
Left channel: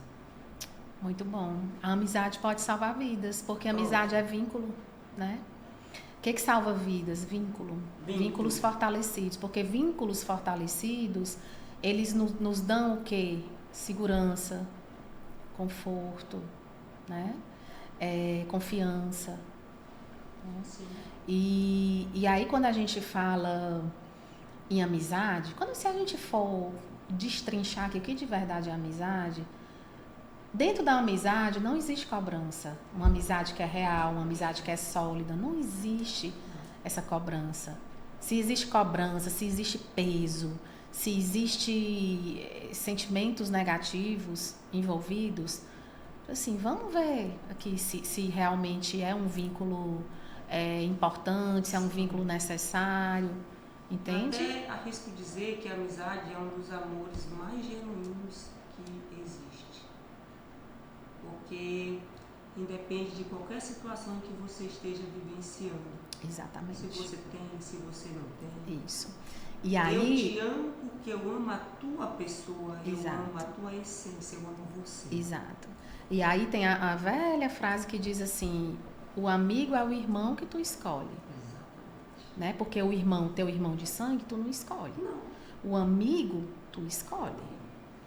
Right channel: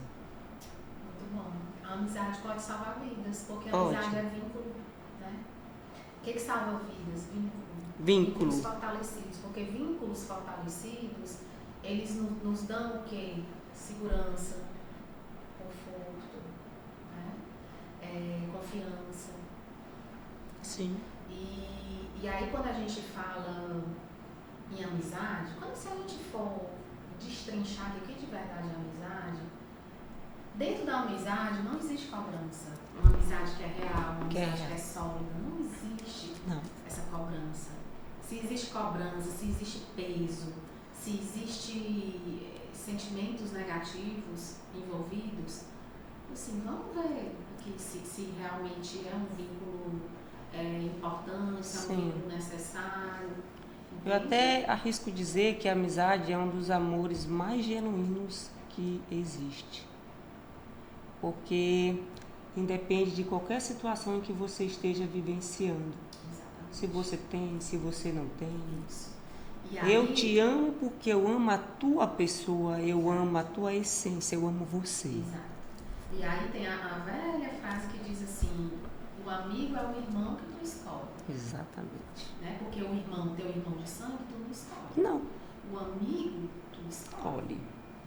Muito bom. A amizade pode salvar vidas, porque a amizade é vínculo, né? O que salva vidas? Vínculos fortalecidos. Porque vínculos fortalecidos, eles nos dão o quê? Segurança, conforto, né? Confiança. Sim. E aí, quando a gente fala em amizade, se a gente for destrinchar aqui o que de verdade é amizade, dentro da amizade não existe cobrança. Uma amizade que é real, uma amizade que é sólida, não existe essa cobrança. Se existe cobrança, se existe peso, se existe sentimentos negativos envolvidos, assim, vamos ver aqui se realmente é um vínculo importante, se é um Sim. vínculo necessário, Eu entende? até arrisco dizer que a amizade é um dos amores mais genuínos que existe. Porque independe de qualquer situação em que você esteja vivenciando. Exatamente. Se você tem, se você não tem. Isso. E aí, Eu te amo porque eu amo a tua pessoa, eu Exato. amo a tua essência, eu amo você. Exato. E aí tem a velha frase que diz assim, o amigo é o irmão que tu escolhe. Exatamente. Né? Porque o irmão, teu irmão de sangue, tu não escolhe. Não. O amigo, tu escolhe.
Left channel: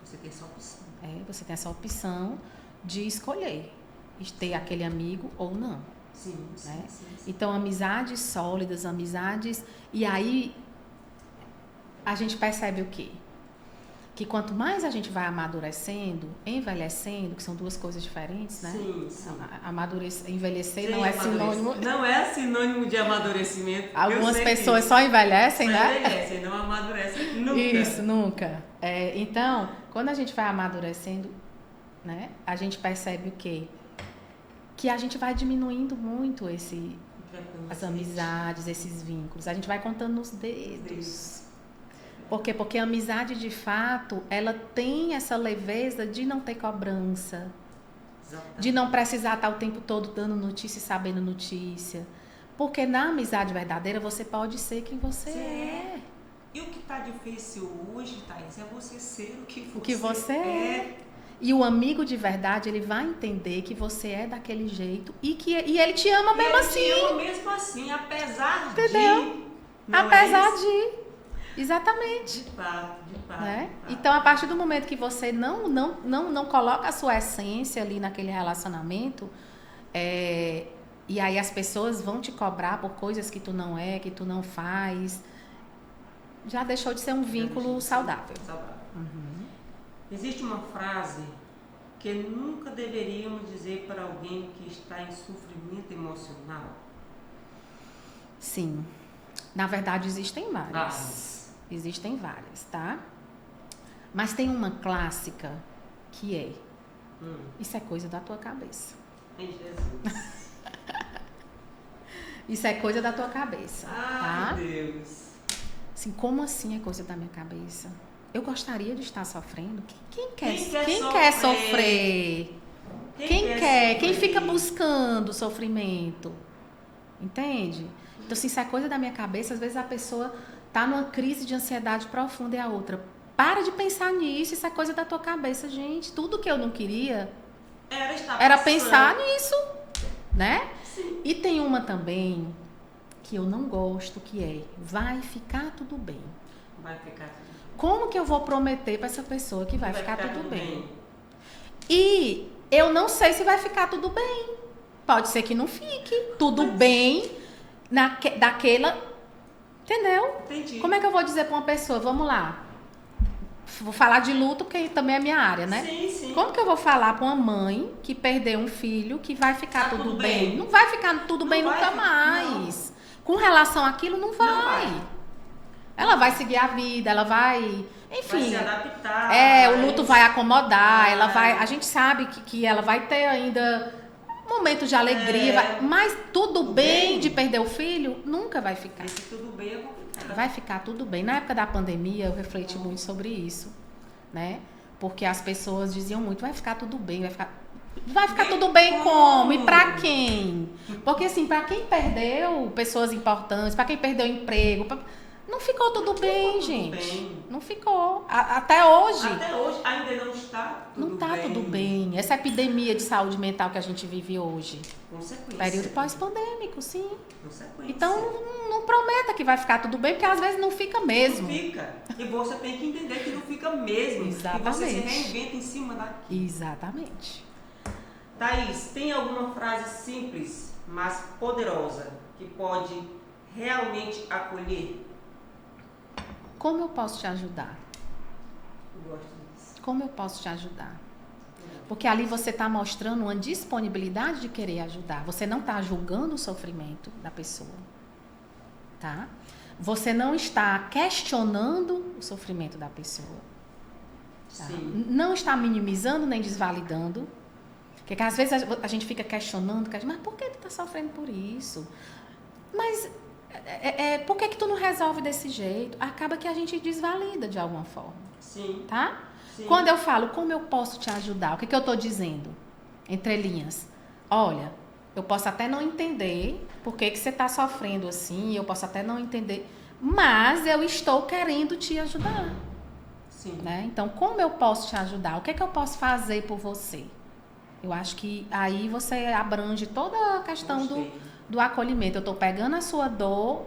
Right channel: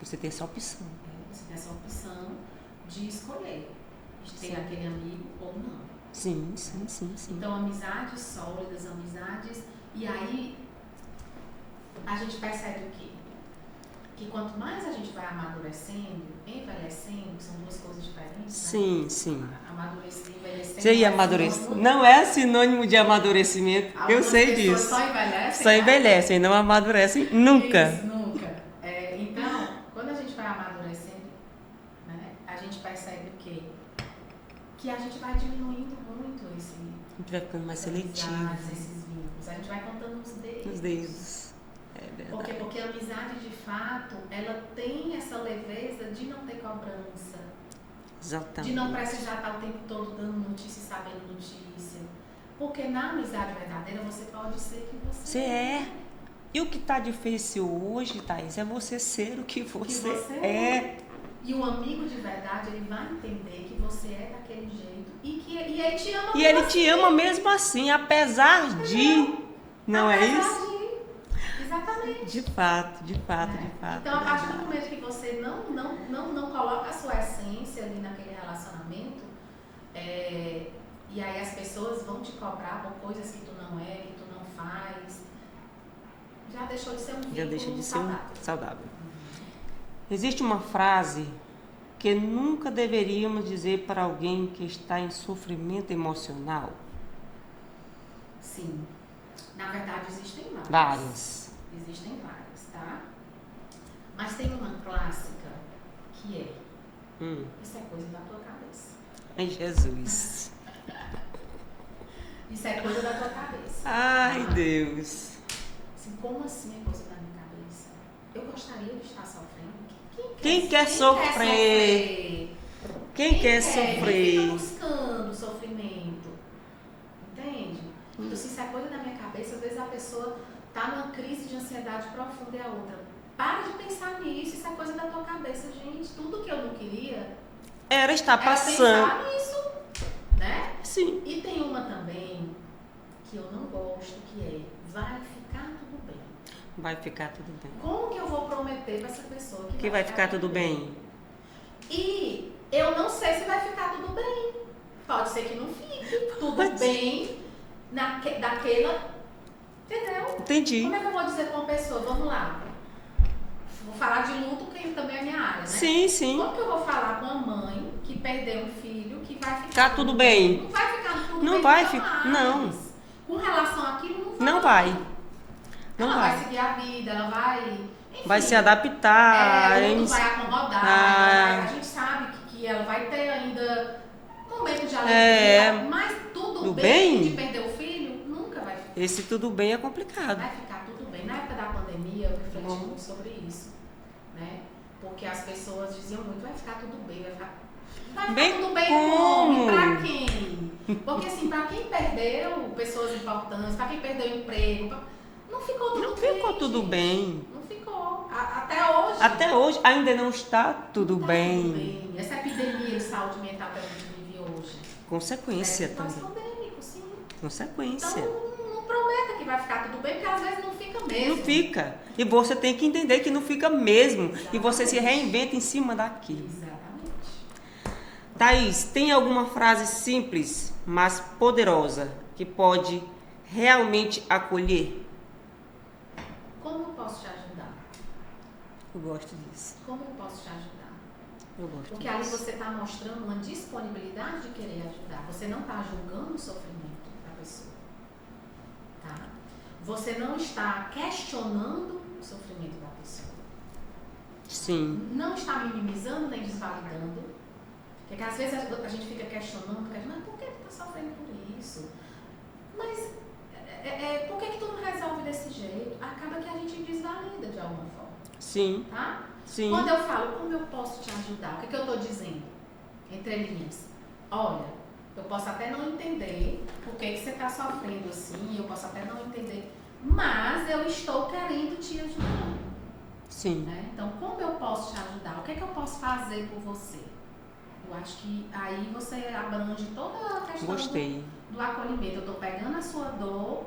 Você tem essa opção. Você tem essa opção de escolher. De ter aquele amigo ou não. Sim, né? sim. Então, amizades sólidas, amizades... E aí, a gente percebe o quê? Que quanto mais a gente vai amadurecendo, envelhecendo, que são duas coisas diferentes, né? Sim. Amadurecer, envelhecer não é sinônimo de amadurecimento. Algumas eu sei pessoas disso. só envelhecem, Só né? envelhecem, não amadurecem nunca. Isso, nunca. Então, quando a gente vai amadurecendo, né? A gente percebe o quê? Que a gente vai diminuindo muito as amizades, esses vínculos. A gente vai contando nos dedos. Por quê? Porque a amizade, de fato, ela tem essa leveza de não ter cobrança. Exatamente. De não precisar estar o tempo todo dando notícia e sabendo notícia. Porque na amizade verdadeira, você pode ser quem você é. E o que está difícil hoje, Thaís, é você ser o que você é. E o amigo de verdade, ele vai entender que você é daquele jeito e ele te ama mesmo assim. E ele te ama mesmo assim, apesar Entendeu? de... Não apesar é isso? de... Exatamente. De fato. Então, a partir do momento que você não coloca a sua essência ali naquele relacionamento, e aí as pessoas vão te cobrar por coisas que tu não é, que tu não faz, já deixou de ser um vínculo saudável. Uhum. Existe uma frase que nunca deveríamos dizer para alguém que está em sofrimento emocional? Sim. Na verdade, existem várias. Existem várias, tá? Mas tem uma clássica que é: isso é coisa da tua cabeça. Ai, Jesus. Isso é coisa da tua cabeça. Ai, tá? Deus. Assim, como assim é coisa da minha cabeça? Eu gostaria de estar sofrendo? Quem quer sofrer? Quem quer sofrer? Quem fica buscando sofrimento? Entende? Então, se isso é coisa da minha cabeça, às vezes a pessoa tá numa crise de ansiedade profunda e a outra, para de pensar nisso, isso é coisa da tua cabeça, gente. Tudo que eu não queria era pensar nisso, né? Sim. E tem uma também que eu não gosto, que é: vai ficar tudo bem. Vai ficar tudo bem. Como que eu vou prometer para essa pessoa que vai ficar tudo bem? E eu não sei se vai ficar tudo bem. Pode ser que não fique tudo bem daquela... Entendeu? Entendi. Como é que eu vou dizer para uma pessoa? Vamos lá. Vou falar de luto, porque também é minha área, né? Sim. Como que eu vou falar para uma mãe que perdeu um filho que vai ficar tudo bem? Não vai ficar tudo bem nunca mais. Não. Com relação àquilo, não vai. Não vai. Ela vai seguir a vida, ela vai... Enfim, vai se adaptar. O luto vai acomodar, ela vai... A gente sabe que ela vai ter ainda momentos de alegria, mas tudo bem de perder o filho, nunca vai ficar. Esse tudo bem é complicado. Vai ficar tudo bem. Na época da pandemia, eu refleti muito sobre isso, né? Porque as pessoas diziam muito: vai ficar tudo bem, vai ficar tudo bem como? E pra quem? Porque assim, pra quem perdeu pessoas importantes, pra quem perdeu emprego, não ficou tudo bem, gente. Tudo bem. Não ficou. Até hoje. Até hoje ainda não está tudo bem. Tudo bem. Essa epidemia de saúde mental que a gente vive hoje. Consequência. Período pós-pandêmico, sim. Consequência. Então, não prometa que vai ficar tudo bem, porque às vezes não fica mesmo. Não fica. E você tem que entender que não fica mesmo. Exatamente. E você se reinventa em cima daquilo. Exatamente. Thaís, tem alguma frase simples, mas poderosa, que pode realmente acolher? Como eu posso te ajudar? Eu gosto disso. Como eu posso te ajudar? Porque ali você está mostrando uma disponibilidade de querer ajudar. Você não está julgando o sofrimento da pessoa. Tá? você não está questionando o sofrimento da pessoa. Tá? Sim. Não está minimizando nem desvalidando. Porque às vezes a gente fica questionando, mas por que tu está sofrendo por isso? Mas por que tu não resolve desse jeito? Acaba que a gente desvalida de alguma forma. Sim. Tá? Sim. Quando eu falo, como eu posso te ajudar? O que eu estou dizendo? Entre linhas. Olha, eu posso até não entender por que você está sofrendo assim, eu posso até não entender, mas eu estou querendo te ajudar. Sim. Né? Então, como eu posso te ajudar? O que eu posso fazer por você? Eu acho que aí você abrange toda a questão do acolhimento. Eu estou pegando a sua dor,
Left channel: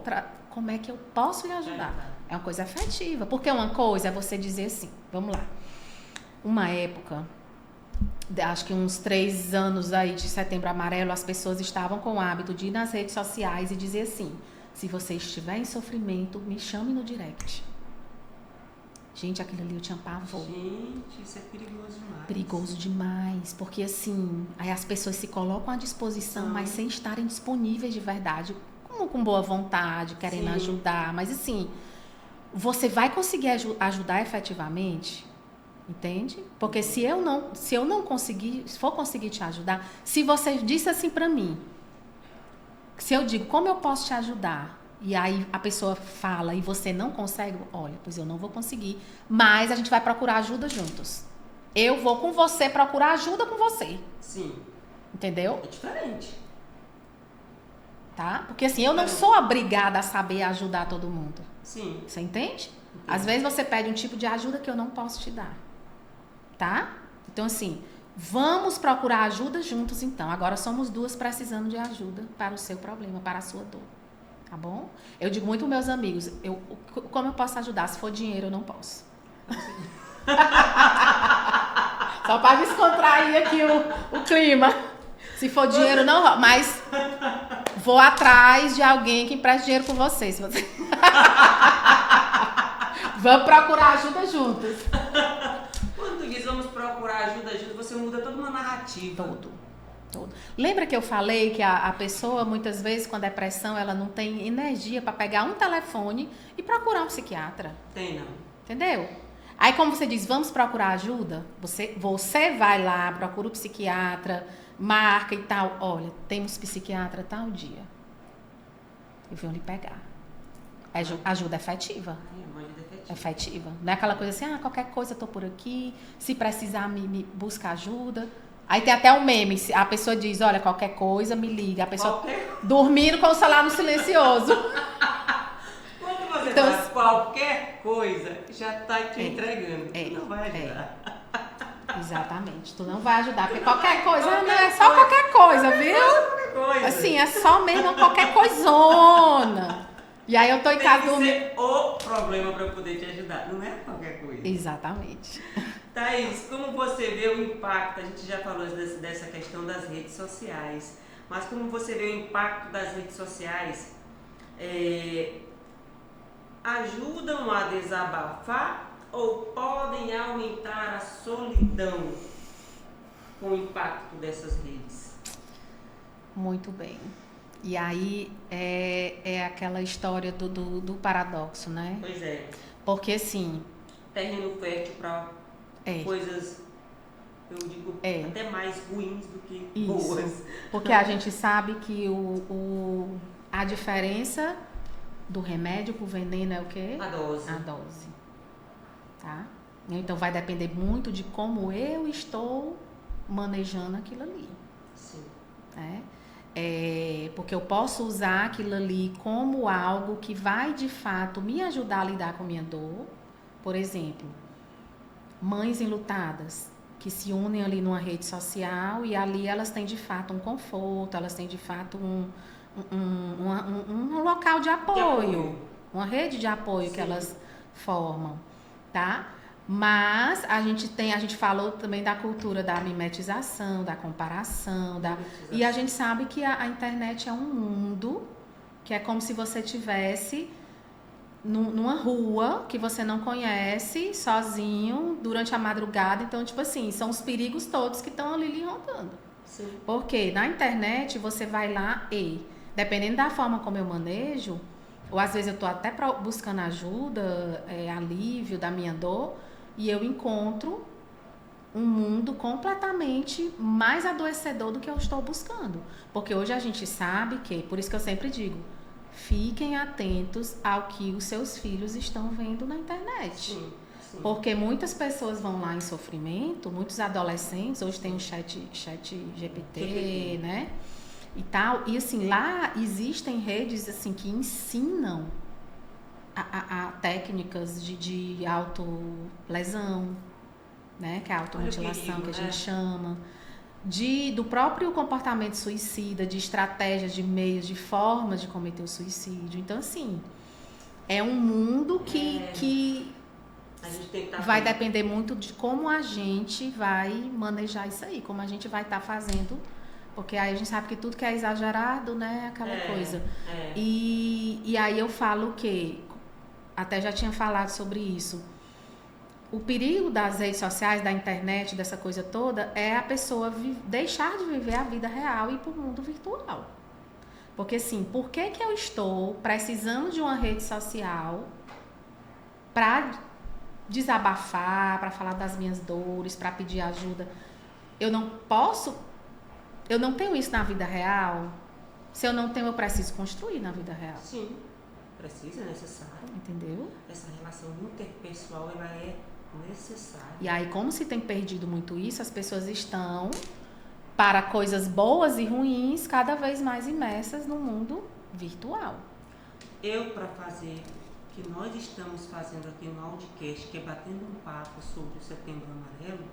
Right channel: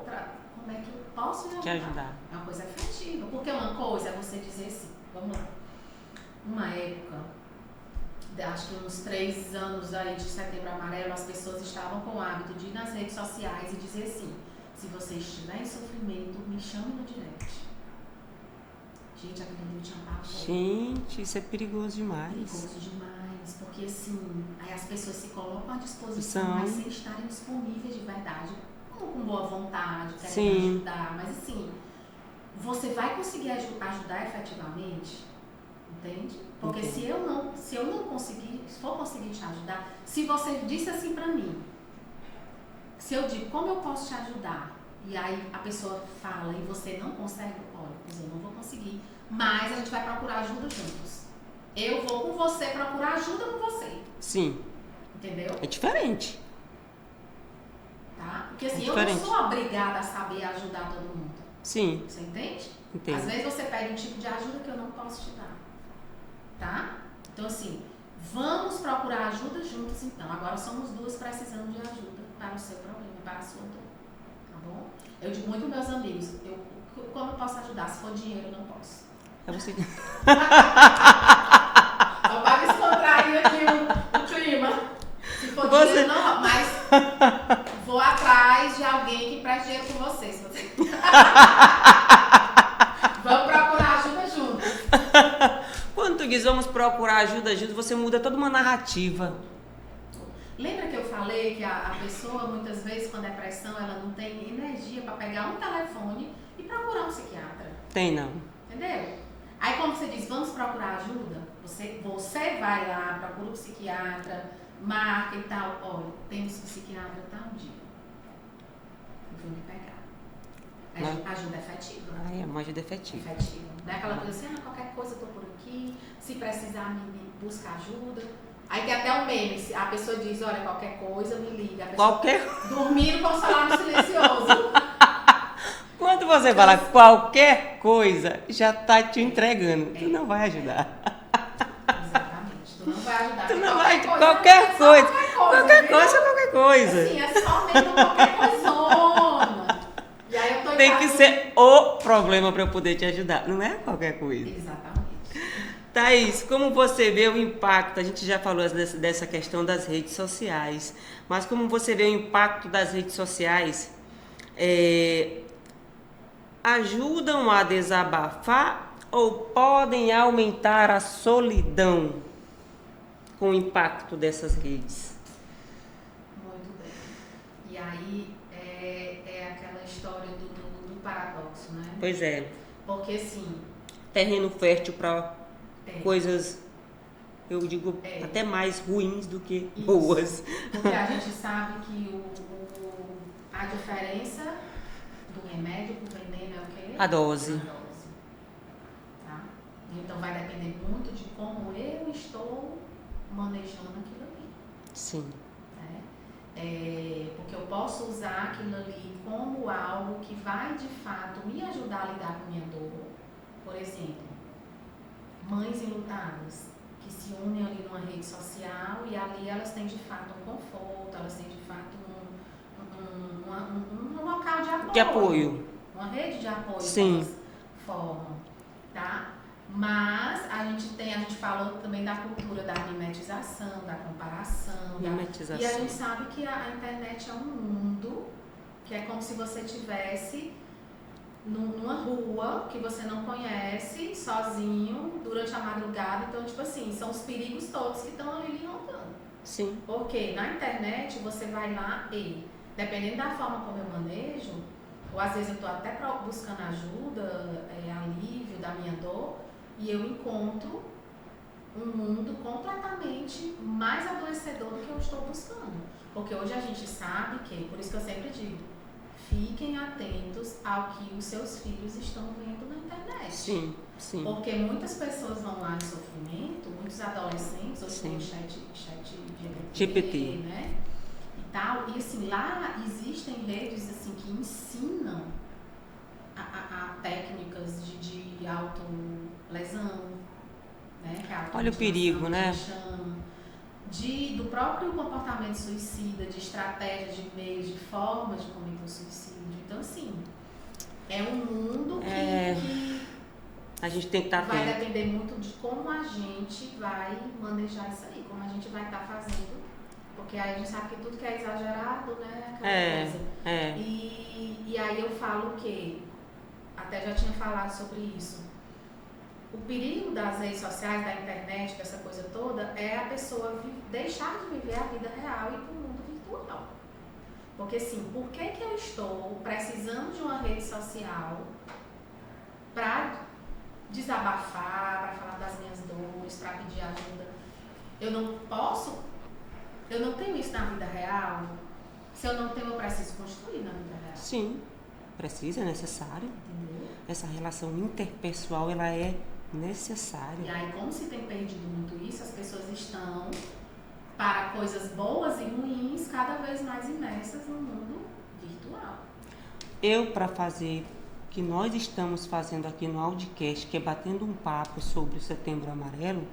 como é que eu posso lhe ajudar? É uma coisa afetiva. Porque uma coisa é você dizer assim, vamos lá. Uma época, acho que uns 3 anos aí de Setembro Amarelo, as pessoas estavam com o hábito de ir nas redes sociais e dizer assim, se você estiver em sofrimento, me chame no direct. Gente, aquilo ali eu tinha pavor. Gente, isso é perigoso demais. Perigoso demais, porque assim, aí as pessoas se colocam à disposição, mas sem estarem disponíveis de verdade, com boa vontade, querendo ajudar, mas assim, você vai conseguir ajudar efetivamente, entende? Porque se eu não conseguir, se for conseguir te ajudar, se você disse assim pra mim, se eu digo, como eu posso te ajudar? E aí a pessoa fala e você não consegue, olha, pois eu não vou conseguir, mas a gente vai procurar ajuda juntos. Eu vou com você procurar ajuda com você. Sim. Entendeu? É diferente. Tá? Porque assim, eu não sou obrigada a saber ajudar todo mundo. Sim. Você entende? Entendo. Às vezes você pede um tipo de ajuda que eu não posso te dar. Tá? Então assim, vamos procurar ajuda juntos então. Agora somos 2 precisando de ajuda para o seu problema, para a sua dor. Tá bom? Eu digo muito aos meus amigos, como eu posso ajudar? Se for dinheiro, eu não posso. É você. Só para descontrair aqui o clima. Se for dinheiro, não. Mas vou atrás de alguém que empreste dinheiro com você. Se você... Vamos procurar ajuda juntos. Quando tu diz vamos procurar ajuda juntos, você muda toda uma narrativa. Todo. Lembra que eu falei que a pessoa, muitas vezes, com a depressão, ela não tem energia para pegar um telefone e procurar um psiquiatra? Tem não. Entendeu? Aí, como você diz, vamos procurar ajuda, você vai lá, procura o psiquiatra, marca e tal. Olha, temos psiquiatra tal dia. E vão lhe pegar. Ajuda efetiva. É uma ajuda efetiva. Efetiva. Não é aquela coisa assim, qualquer coisa eu tô por aqui, se precisar me busca ajuda. Aí tem até um meme, a pessoa diz, olha, qualquer coisa me liga. A pessoa dormindo com o celular no silencioso. Quando você fala qualquer coisa, já tá te entregando. Tu não vai ajudar. Exatamente. Tu não vai ajudar. Porque qualquer coisa. Qualquer coisa, viu? Qualquer coisa. Assim, é só mesmo qualquer coisona. E aí eu tô em casa. Tem que ser o problema para eu poder te ajudar. Não é qualquer coisa. Exatamente. Thaís, como você vê o impacto, a gente já falou dessa questão das redes sociais, mas como você vê o impacto das redes sociais, ajudam a desabafar ou podem aumentar a solidão com o impacto dessas redes? Muito bem. E aí é aquela história do paradoxo, né? Pois é. Porque assim... Terreno fértil para coisas, eu digo, até mais ruins do que boas. Porque a gente sabe que a diferença do remédio pro veneno é o quê? A dose. A dose. Tá? Então vai depender muito de como eu estou manejando aquilo ali. Sim. Porque eu posso usar aquilo ali como algo que vai de fato me ajudar a lidar com a minha dor. Por exemplo, mães enlutadas que se unem ali numa rede social e ali elas têm de fato um conforto, elas têm de fato um local de apoio. Uma rede de apoio que elas formam, tá? Mas a gente falou também da cultura da mimetização, da comparação, e a gente sabe que a internet é um mundo que é como se você tivesse numa rua que você não conhece, sozinho, durante a madrugada. Então, tipo assim, são os perigos todos que estão ali lhe rondando. Sim. Porque na internet você vai lá e, dependendo da forma como eu manejo, ou às vezes eu estou até buscando ajuda, alívio da minha dor, e eu encontro um mundo completamente mais adoecedor do que eu estou buscando. Porque hoje a gente sabe que, por isso que eu sempre digo, fiquem atentos ao que os seus filhos estão vendo na internet. Sim, sim. Porque muitas pessoas vão lá em sofrimento, muitos adolescentes, hoje tem o chat GPT, né? E tal. E assim, lá existem redes assim que ensinam a técnicas de autolesão, né? Que é a automutilação, olha o perigo, que né? a gente chama. Do próprio comportamento suicida, de estratégias, de meios, de formas de cometer o suicídio. Então, assim, é um mundo que a gente tem que estar vai depender muito de como a gente vai manejar isso aí, como a gente vai estar fazendo, porque aí a gente sabe que tudo que é exagerado, né, é aquela coisa. E aí eu falo que, até já tinha falado sobre isso, o perigo das redes sociais, da internet, dessa coisa toda, é a pessoa deixar de viver a vida real e ir para o mundo virtual. Porque assim, por que eu estou precisando de uma rede social para desabafar, para falar das minhas dores, para pedir ajuda? Eu não tenho isso na vida real. Se eu não tenho, eu preciso construir na vida real. Sim, precisa, é necessário. Entendeu? Essa relação interpessoal, ela é necessária. E aí, como se tem perdido muito isso, as pessoas estão, para coisas boas e ruins, cada vez mais imersas no mundo virtual. Para fazer o que nós estamos fazendo aqui no Audicast, que é batendo um papo sobre o Setembro Amarelo,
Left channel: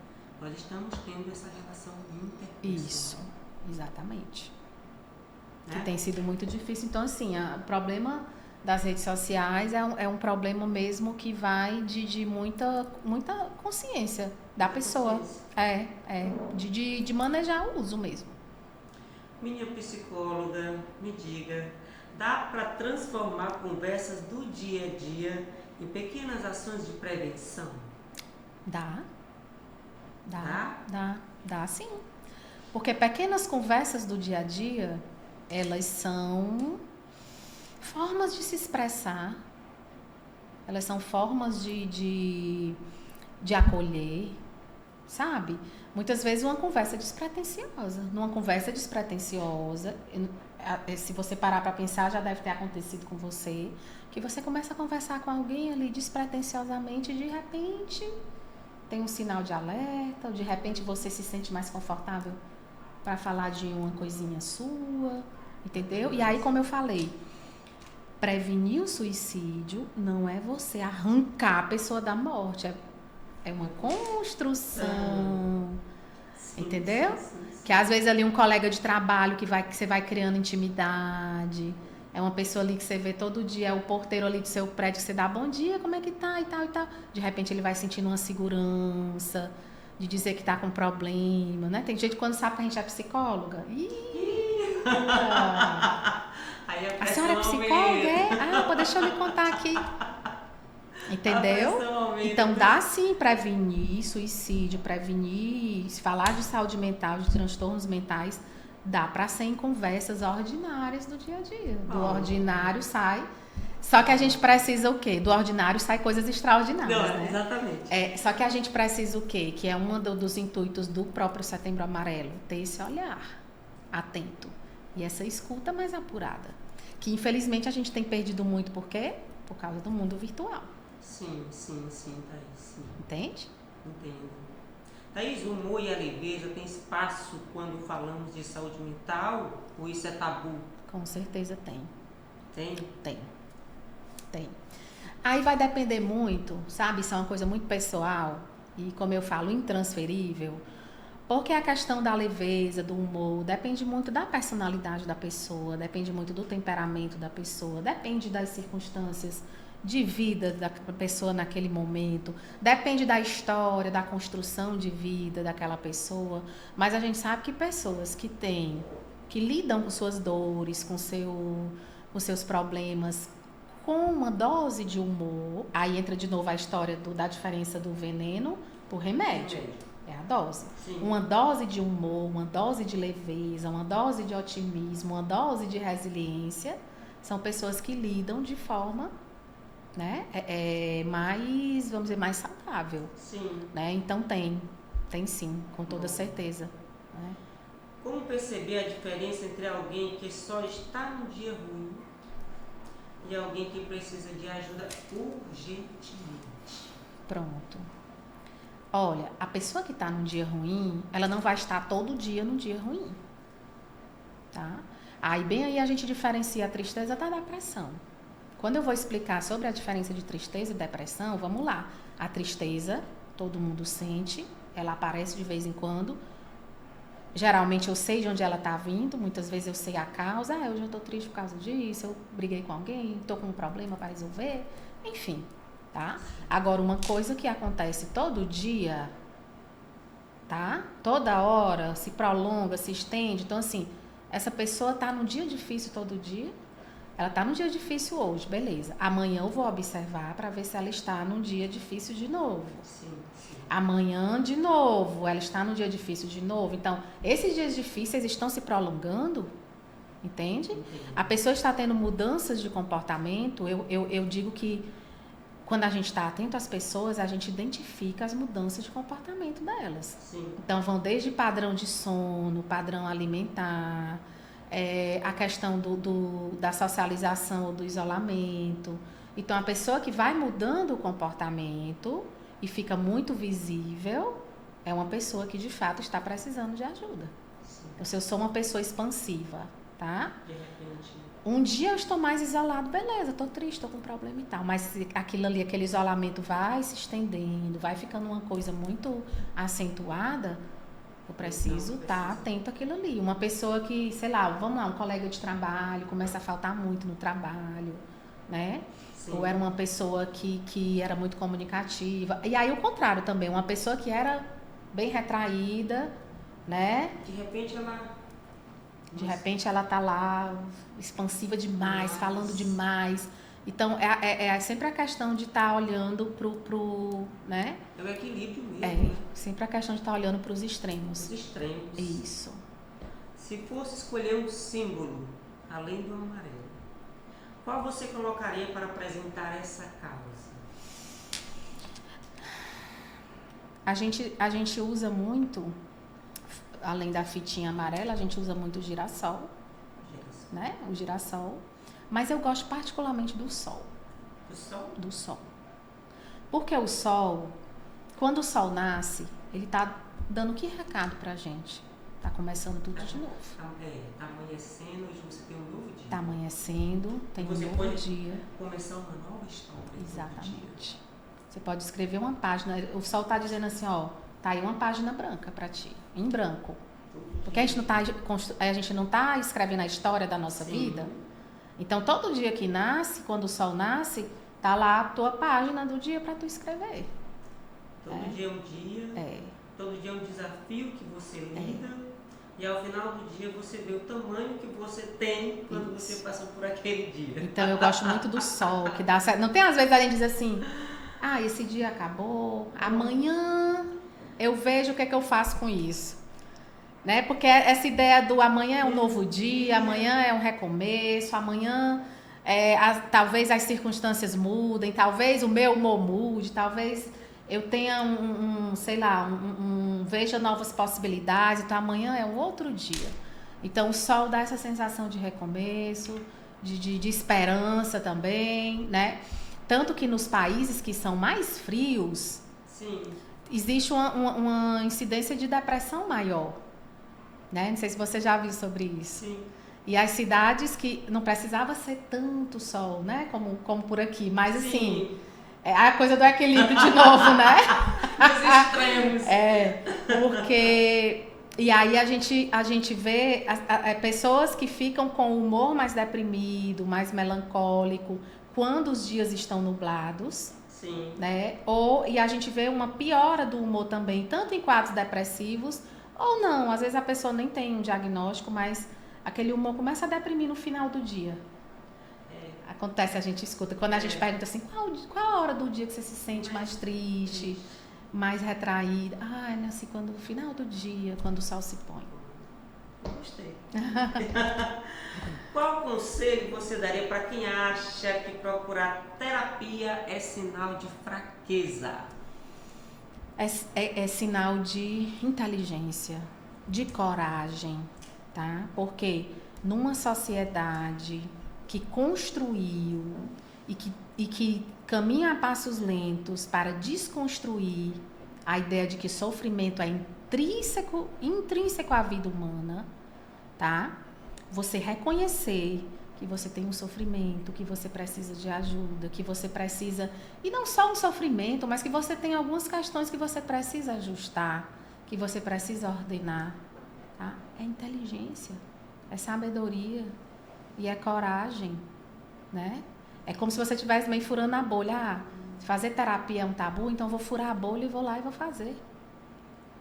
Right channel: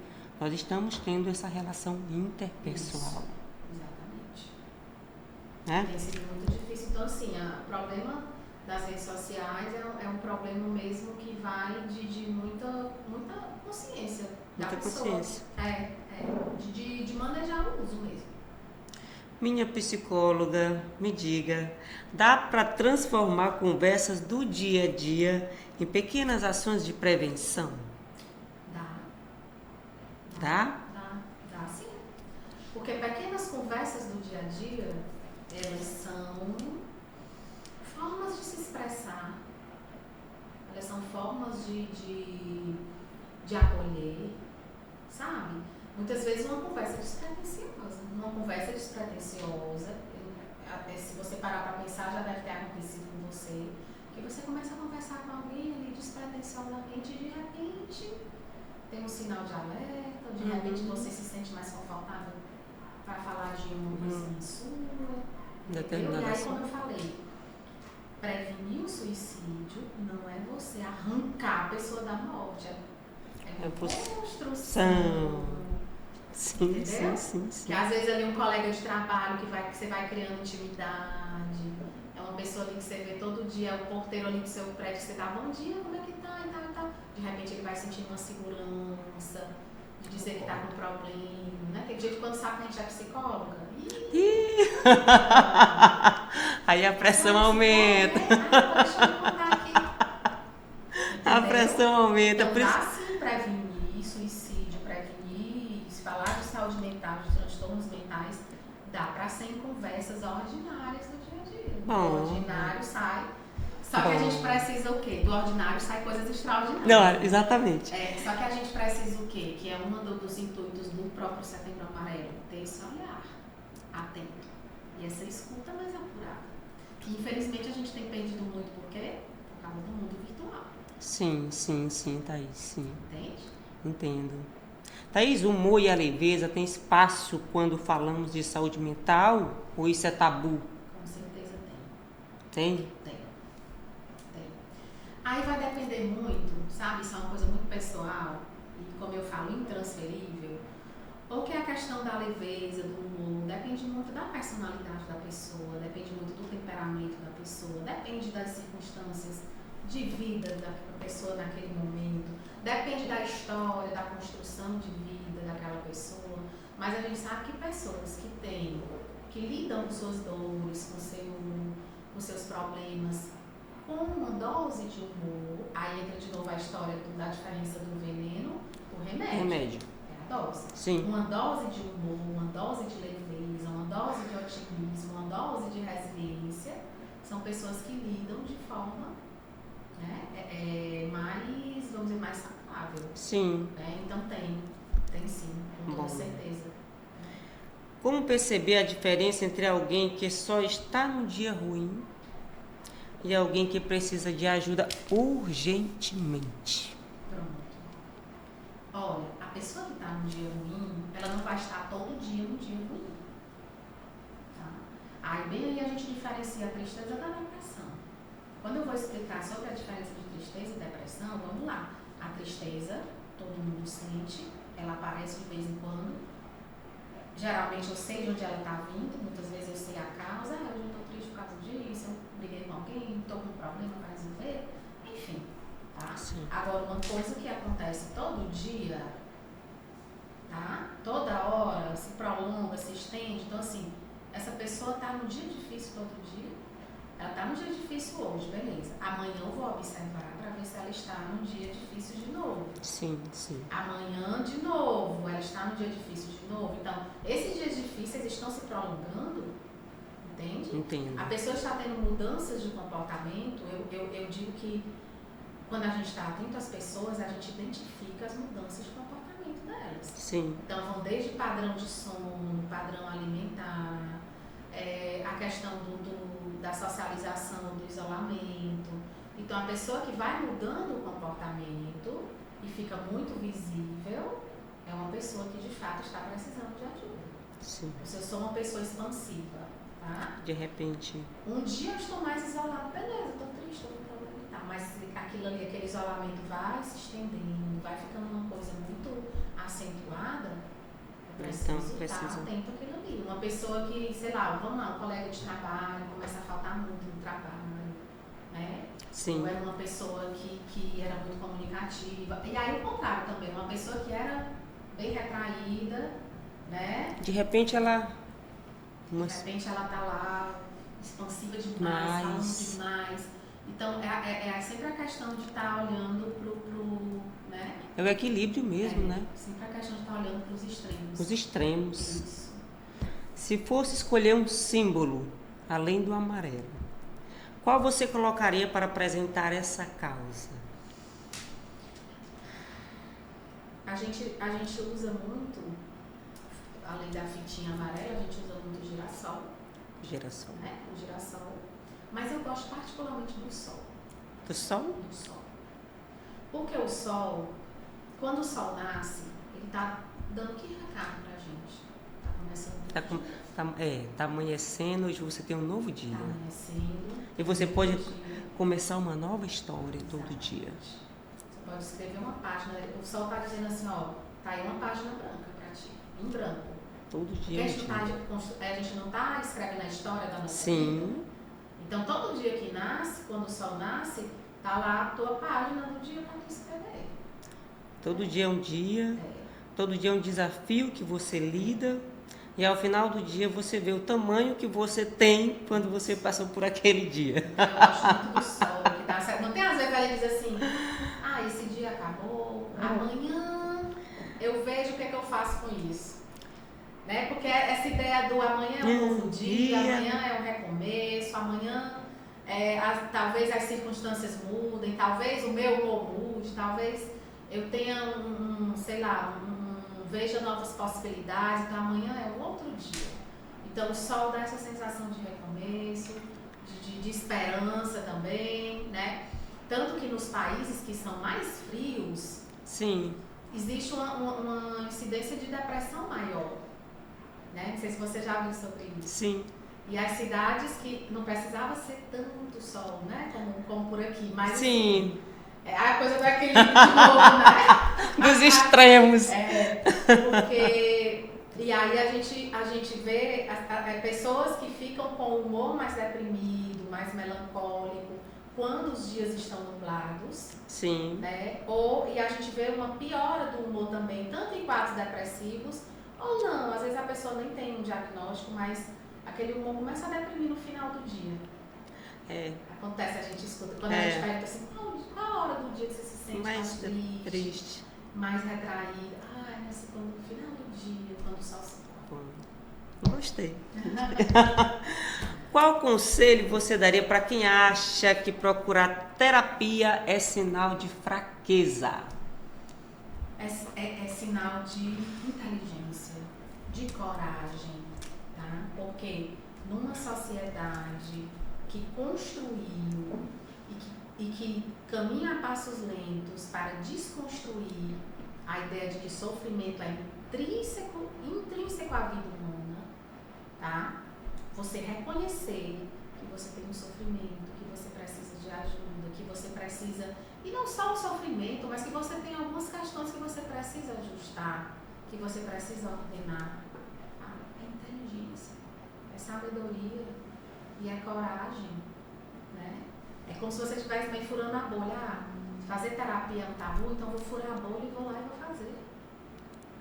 nós estamos tendo essa relação interpessoal. Isso, exatamente. Né? Tem sido muito difícil. Então, assim, o problema das redes sociais é um problema mesmo que vai de muita consciência da pessoa. De manejar o uso mesmo. Minha psicóloga, me diga, dá para transformar conversas do dia a dia em pequenas ações de prevenção? Dá sim. Porque pequenas conversas do dia a dia, elas são formas de se expressar, elas são formas de acolher, sabe? Muitas vezes uma conversa despretensiosa. Numa conversa despretensiosa, se você parar para pensar, já deve ter acontecido com você, que você começa a conversar com alguém ali despretensiosamente e de repente tem um sinal de alerta, ou de repente você se sente mais confortável para falar de uma coisinha sua, entendeu? E aí, como eu falei, prevenir o suicídio não é você arrancar a pessoa da morte, é uma construção. Sim, entendeu? Sim. Que às vezes ali um colega de trabalho que você vai criando intimidade, é uma pessoa ali que você vê todo dia, é o porteiro ali do seu prédio que você dá bom dia, como é que tá e tal e tal. De repente ele vai sentindo uma segurança de dizer que tá com problema, né? Tem gente que quando sabe que a gente é psicóloga, aí a pressão aumenta. Deixa eu me contar aqui. Entendeu? A pressão aumenta. Então dá sim prevenir suicídio, se falar de saúde mental, de transtornos mentais, dá para ser em conversas ordinárias do dia a dia. Do ordinário sai. Só que a gente precisa o quê? Do ordinário sai coisas extraordinárias. Não, né? Exatamente. Só que a gente precisa o quê? Que é um dos intuitos do próprio Setembro Amarelo, ter esse olhar atento e essa escuta mais apurada. Que infelizmente a gente tem perdido muito, por quê? Por causa do mundo virtual. Sim, Thaís, sim. Entende? Entendo. Thaís, o humor e a leveza tem espaço quando falamos de saúde mental ou isso é tabu? Com certeza tem. Tem? Tem. Aí vai depender muito, sabe? Isso é uma coisa muito pessoal e, como eu falo, intransferível. Porque a questão da leveza, do humor, depende muito da personalidade da pessoa, depende muito do temperamento da pessoa, depende das circunstâncias de vida da pessoa naquele momento, depende da história, da construção de vida daquela pessoa. Mas a gente sabe que pessoas que lidam com suas dores, com seus problemas, com uma dose de humor, aí entra de novo a história da diferença do veneno pro remédio. É a dose. Sim. Uma dose de humor, uma dose de leveza, uma dose de otimismo, uma dose de resiliência são pessoas que lidam de forma, né, mais, vamos dizer, mais saudável. Sim. Né? Então tem sim, com toda certeza. Né? Como perceber a diferença entre alguém que só está num dia ruim e alguém que precisa de ajuda urgentemente? Pronto. Olha, a pessoa que está num dia ruim, ela não vai estar todo dia num dia ruim. Tá? Aí bem aí a gente diferencia a tristeza da depressão. Quando eu vou explicar sobre a diferença de tristeza e depressão, vamos lá. A tristeza, todo mundo sente, ela aparece de vez em quando. Geralmente eu sei de onde ela está vindo, muitas vezes eu sei a causa. Hoje eu estou triste por causa disso, eu briguei com alguém, estou com um problema para resolver, enfim. Tá? Agora, uma coisa que acontece todo dia, tá? Toda hora, se prolonga, se estende. Então, assim, essa pessoa está num dia difícil todo dia. Ela está num dia difícil hoje, beleza. Amanhã eu vou observar para ver se ela está num dia difícil de novo. Sim, sim. Amanhã de novo, ela está num dia difícil de novo. Então, esses dias difíceis estão se prolongando, entende? Entendo. A pessoa está tendo mudanças de comportamento. Eu digo que quando a gente está atento às pessoas, a gente identifica as mudanças de comportamento delas. Sim. Então, vão desde padrão de sono, padrão alimentar, a questão da socialização ou do isolamento. Então, a pessoa que vai mudando o comportamento e fica muito visível é uma pessoa que, de fato, está precisando de ajuda. Sim. Então, se eu sou uma pessoa expansiva, tá? De repente. Um dia eu estou mais isolado, beleza, estou triste, estou com problema e tal. Mas aquilo ali, aquele isolamento vai se estendendo, vai ficando uma coisa muito acentuada, eu preciso estar atento àquilo ali. Uma pessoa que, sei lá, vamos lá, um colega de trabalho, começa a faltar muito no trabalho, né? Sim. Ou era uma pessoa que era muito comunicativa. E aí o contrário também, uma pessoa que era bem retraída, né? De repente ela tá lá, expansiva demais, falando demais. Então, é sempre a questão de estar olhando pro, né? É o equilíbrio mesmo, né? Sempre a questão de estar olhando para os extremos. Os extremos. Isso. Se fosse escolher um símbolo, além do amarelo, qual você colocaria para apresentar essa causa? A gente usa muito, além da fitinha amarela, a gente usa muito o girassol. Girassol. Né? O girassol. Mas eu gosto particularmente do sol. Do sol? Do sol. Porque o sol, quando o sol nasce, ele tá dando que recado pra gente? Tá começando tudo de novo. Tá amanhecendo, hoje você tem um novo dia. Tá amanhecendo. E você pode começar uma nova história todo dia. Você pode escrever uma página. O sol tá dizendo assim, ó, tá aí uma página branca pra ti. Em branco. Todo dia. Porque a gente não tá escrevendo a história da nossa vida. Então, todo dia que nasce, quando o sol nasce, tá lá a tua página do dia para tu escrever. Todo dia é um dia. Todo dia é um desafio que você lida. E ao final do dia você vê o tamanho que você tem quando você passou por aquele dia. Então, eu gosto muito do sol, que dá certo. Não tem às vezes a gente diz assim, esse dia acabou, amanhã eu vejo o que é que eu faço com isso. Né? Porque essa ideia do amanhã é um novo dia, amanhã é um recomeço, amanhã talvez as circunstâncias mudem, talvez o meu humor mude, talvez eu tenha veja novas possibilidades, então amanhã é um outro dia. Então o sol dá essa sensação de recomeço, de esperança também, né? Tanto que nos países que são mais frios, sim, existe uma incidência de depressão maior. Né? Não sei se você já viu sobre isso. Sim. E as cidades que não precisava ser tanto sol, né? Como por aqui. Mas assim, é a coisa do equilíbrio de novo, né? Dos extremos. Porque... E aí a gente vê pessoas que ficam com o humor mais deprimido, mais melancólico, quando os dias estão nublados. Sim. Né? E a gente vê uma piora do humor também, tanto em quadros depressivos, ou não, às vezes a pessoa nem tem um diagnóstico, mas aquele humor começa a deprimir no final do dia. Acontece, a gente escuta, quando a gente pergunta assim, qual a hora do dia que você se sente mais triste, mais retraída? É assim, quando no final do dia, quando o sol se põe. Gostei. Qual conselho você daria para quem acha que procurar terapia é sinal de fraqueza? É sinal de inteligência, de coragem, tá? Porque numa sociedade que construiu e que caminha a passos lentos para desconstruir a ideia de que sofrimento é intrínseco à vida humana, tá? Você reconhecer que você tem um sofrimento, que você precisa de ajuda, que você precisa, e não só um sofrimento, mas que você tem algumas questões que você precisa ajustar, que você precisa ordenar, tá? É inteligência, é sabedoria e é coragem, né? É como se você estivesse meio furando a bolha. Fazer terapia é um tabu, então eu vou furar a bolha e vou lá e vou fazer,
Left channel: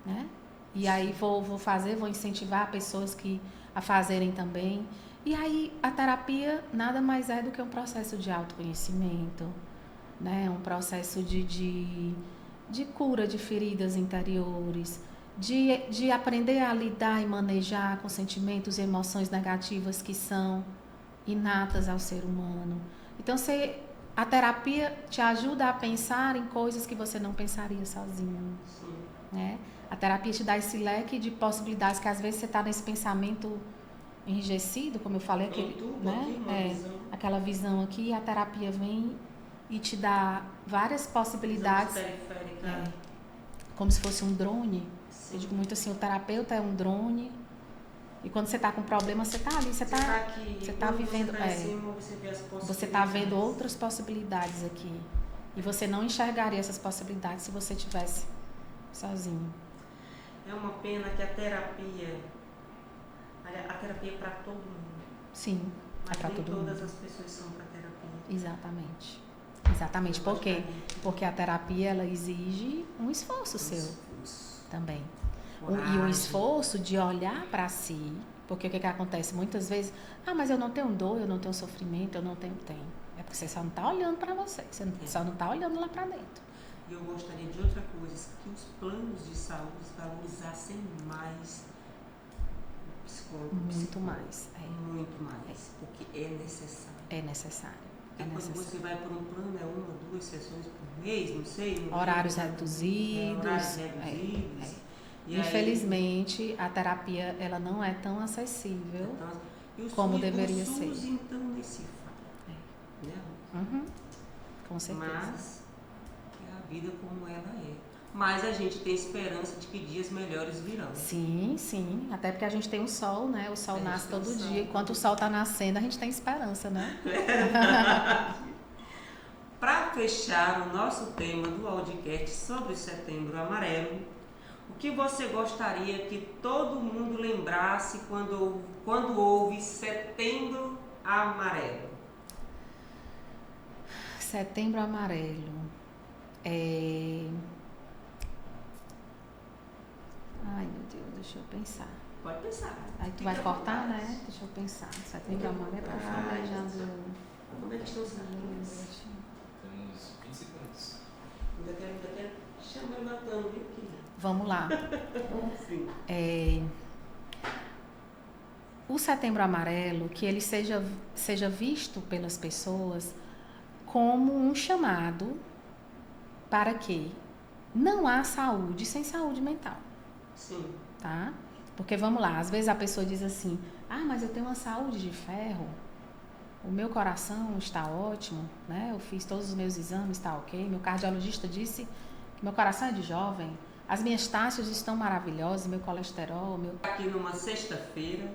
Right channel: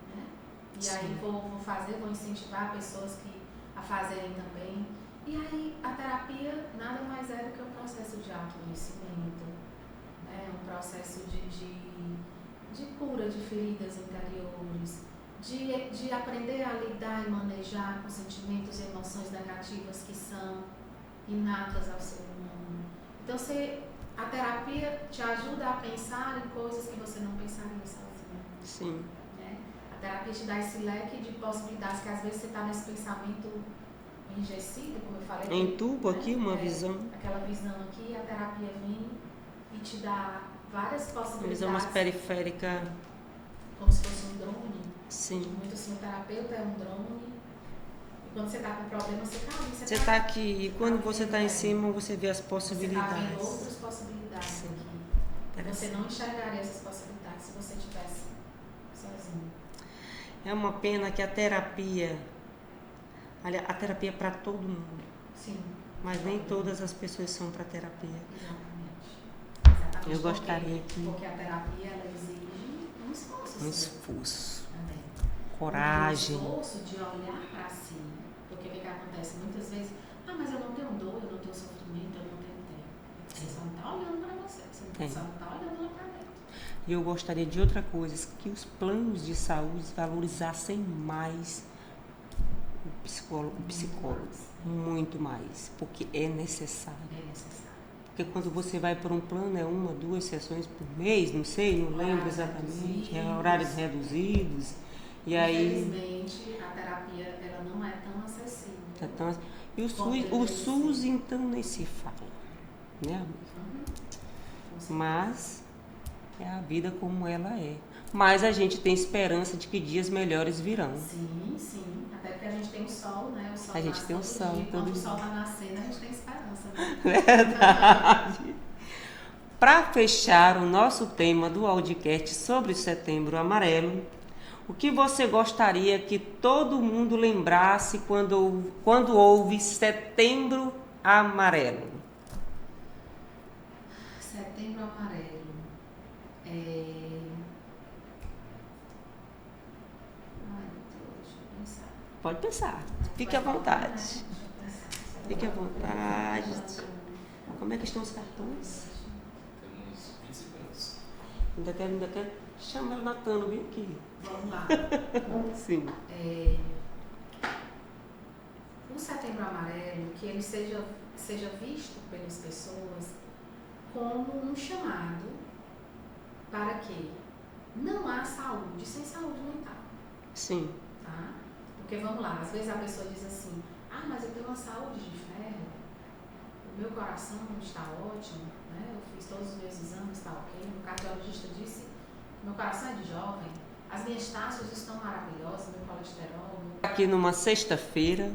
né? E sim, aí vou fazer, vou incentivar pessoas a fazerem também. E aí a terapia nada mais é do que um processo de autoconhecimento, né? Um processo de cura de feridas interiores, de aprender a lidar e manejar com sentimentos e emoções negativas que são inatas ao ser humano. Então a terapia te ajuda a pensar em coisas que você não pensaria sozinho. Sim. Né? A terapia te dá esse leque de possibilidades que às vezes você está nesse pensamento enrijecido, como eu falei. Entuba, né? Aqui uma visão. Aquela visão aqui, a terapia vem e te dá várias possibilidades. Visão periférica. Como se fosse um drone. Sim. Eu digo muito assim, o terapeuta é um drone. E quando você está com problema, você está ali. Você está aqui. E quando você está em cima, você vê as possibilidades. Você está vendo outras possibilidades aqui. E você não enxergaria essas possibilidades se você estivesse sozinho. É uma pena que a terapia é para todo mundo. Sim. Mas nem todas as pessoas são para terapia. Exatamente. Exatamente. Porque a terapia, ela exige um esforço seu. Esforço. Também. Coragem. E o esforço de olhar para si. Porque o que acontece muitas vezes? Mas eu não tenho dor, eu não tenho sofrimento, eu não tenho tempo. É porque você só não está olhando para você. Você só não está olhando lá para dentro. E eu gostaria de outra coisa, que os planos de saúde valorizassem mais o psicólogo. Muito mais, porque é necessário. É necessário. Porque quando você vai para um plano, é 1, 2 sessões por mês, não sei. Horários reduzidos. Horários reduzidos. E infelizmente, aí, a terapia ela não é tão acessível e o como deveria ser. O SUS, então, nem se fala. Né? Com certeza. Mas é a vida como ela é. Mas a gente tem esperança de que dias melhores virão. Sim, sim. Até porque a gente tem o sol, né? O sol nasce todo dia. Enquanto o sol está nascendo, a gente tem esperança, né? Verdade. Para fechar o nosso tema do Audicast sobre o Setembro Amarelo, o que você gostaria que todo mundo lembrasse quando houve Setembro Amarelo? Setembro Amarelo. Ai, meu Deus, deixa eu pensar. Pode pensar. Fique à vontade. Né? Deixa eu pensar. Fique à vontade. Como é que estão os cartões? Temos 20 segundos. Ainda quero chamar o Natano, viu? Aqui. Vamos lá. Sim. O Setembro Amarelo, que ele seja visto pelas pessoas como um chamado para que não há saúde sem saúde mental. Sim. Tá? Porque vamos lá, às vezes a pessoa diz assim, mas eu tenho uma saúde de ferro, o meu coração está ótimo, né? Eu fiz todos os meus exames, está ok, meu cardiologista disse que meu coração é de jovem, as minhas taxas estão maravilhosas, meu colesterol... Aqui numa sexta-feira,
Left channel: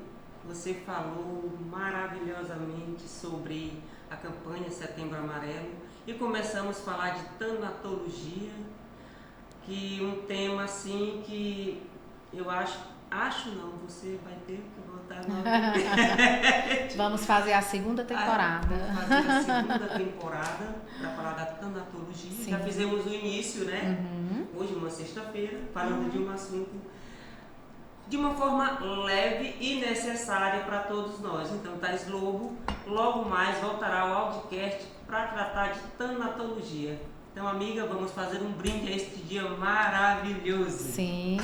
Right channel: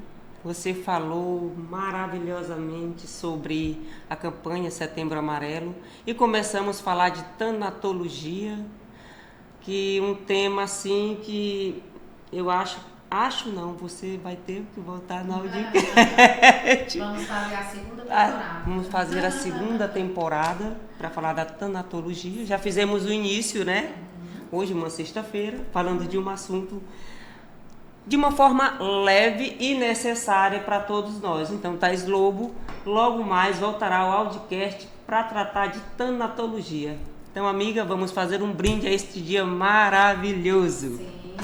você falou maravilhosamente sobre a campanha Setembro Amarelo e começamos a falar de tanatologia, que um tema assim que eu acho não, você vai ter que voltar na Audicast. Vamos fazer a segunda temporada. Vamos fazer a segunda temporada para falar da tanatologia. Sim. Já fizemos o início, né? Hoje, uma sexta-feira, falando de um assunto de uma forma leve e necessária para todos nós. Então, Thais Lobo, logo mais voltará ao Audicast para tratar de tanatologia. Então, amiga, vamos fazer um brinde a este dia maravilhoso. Sim.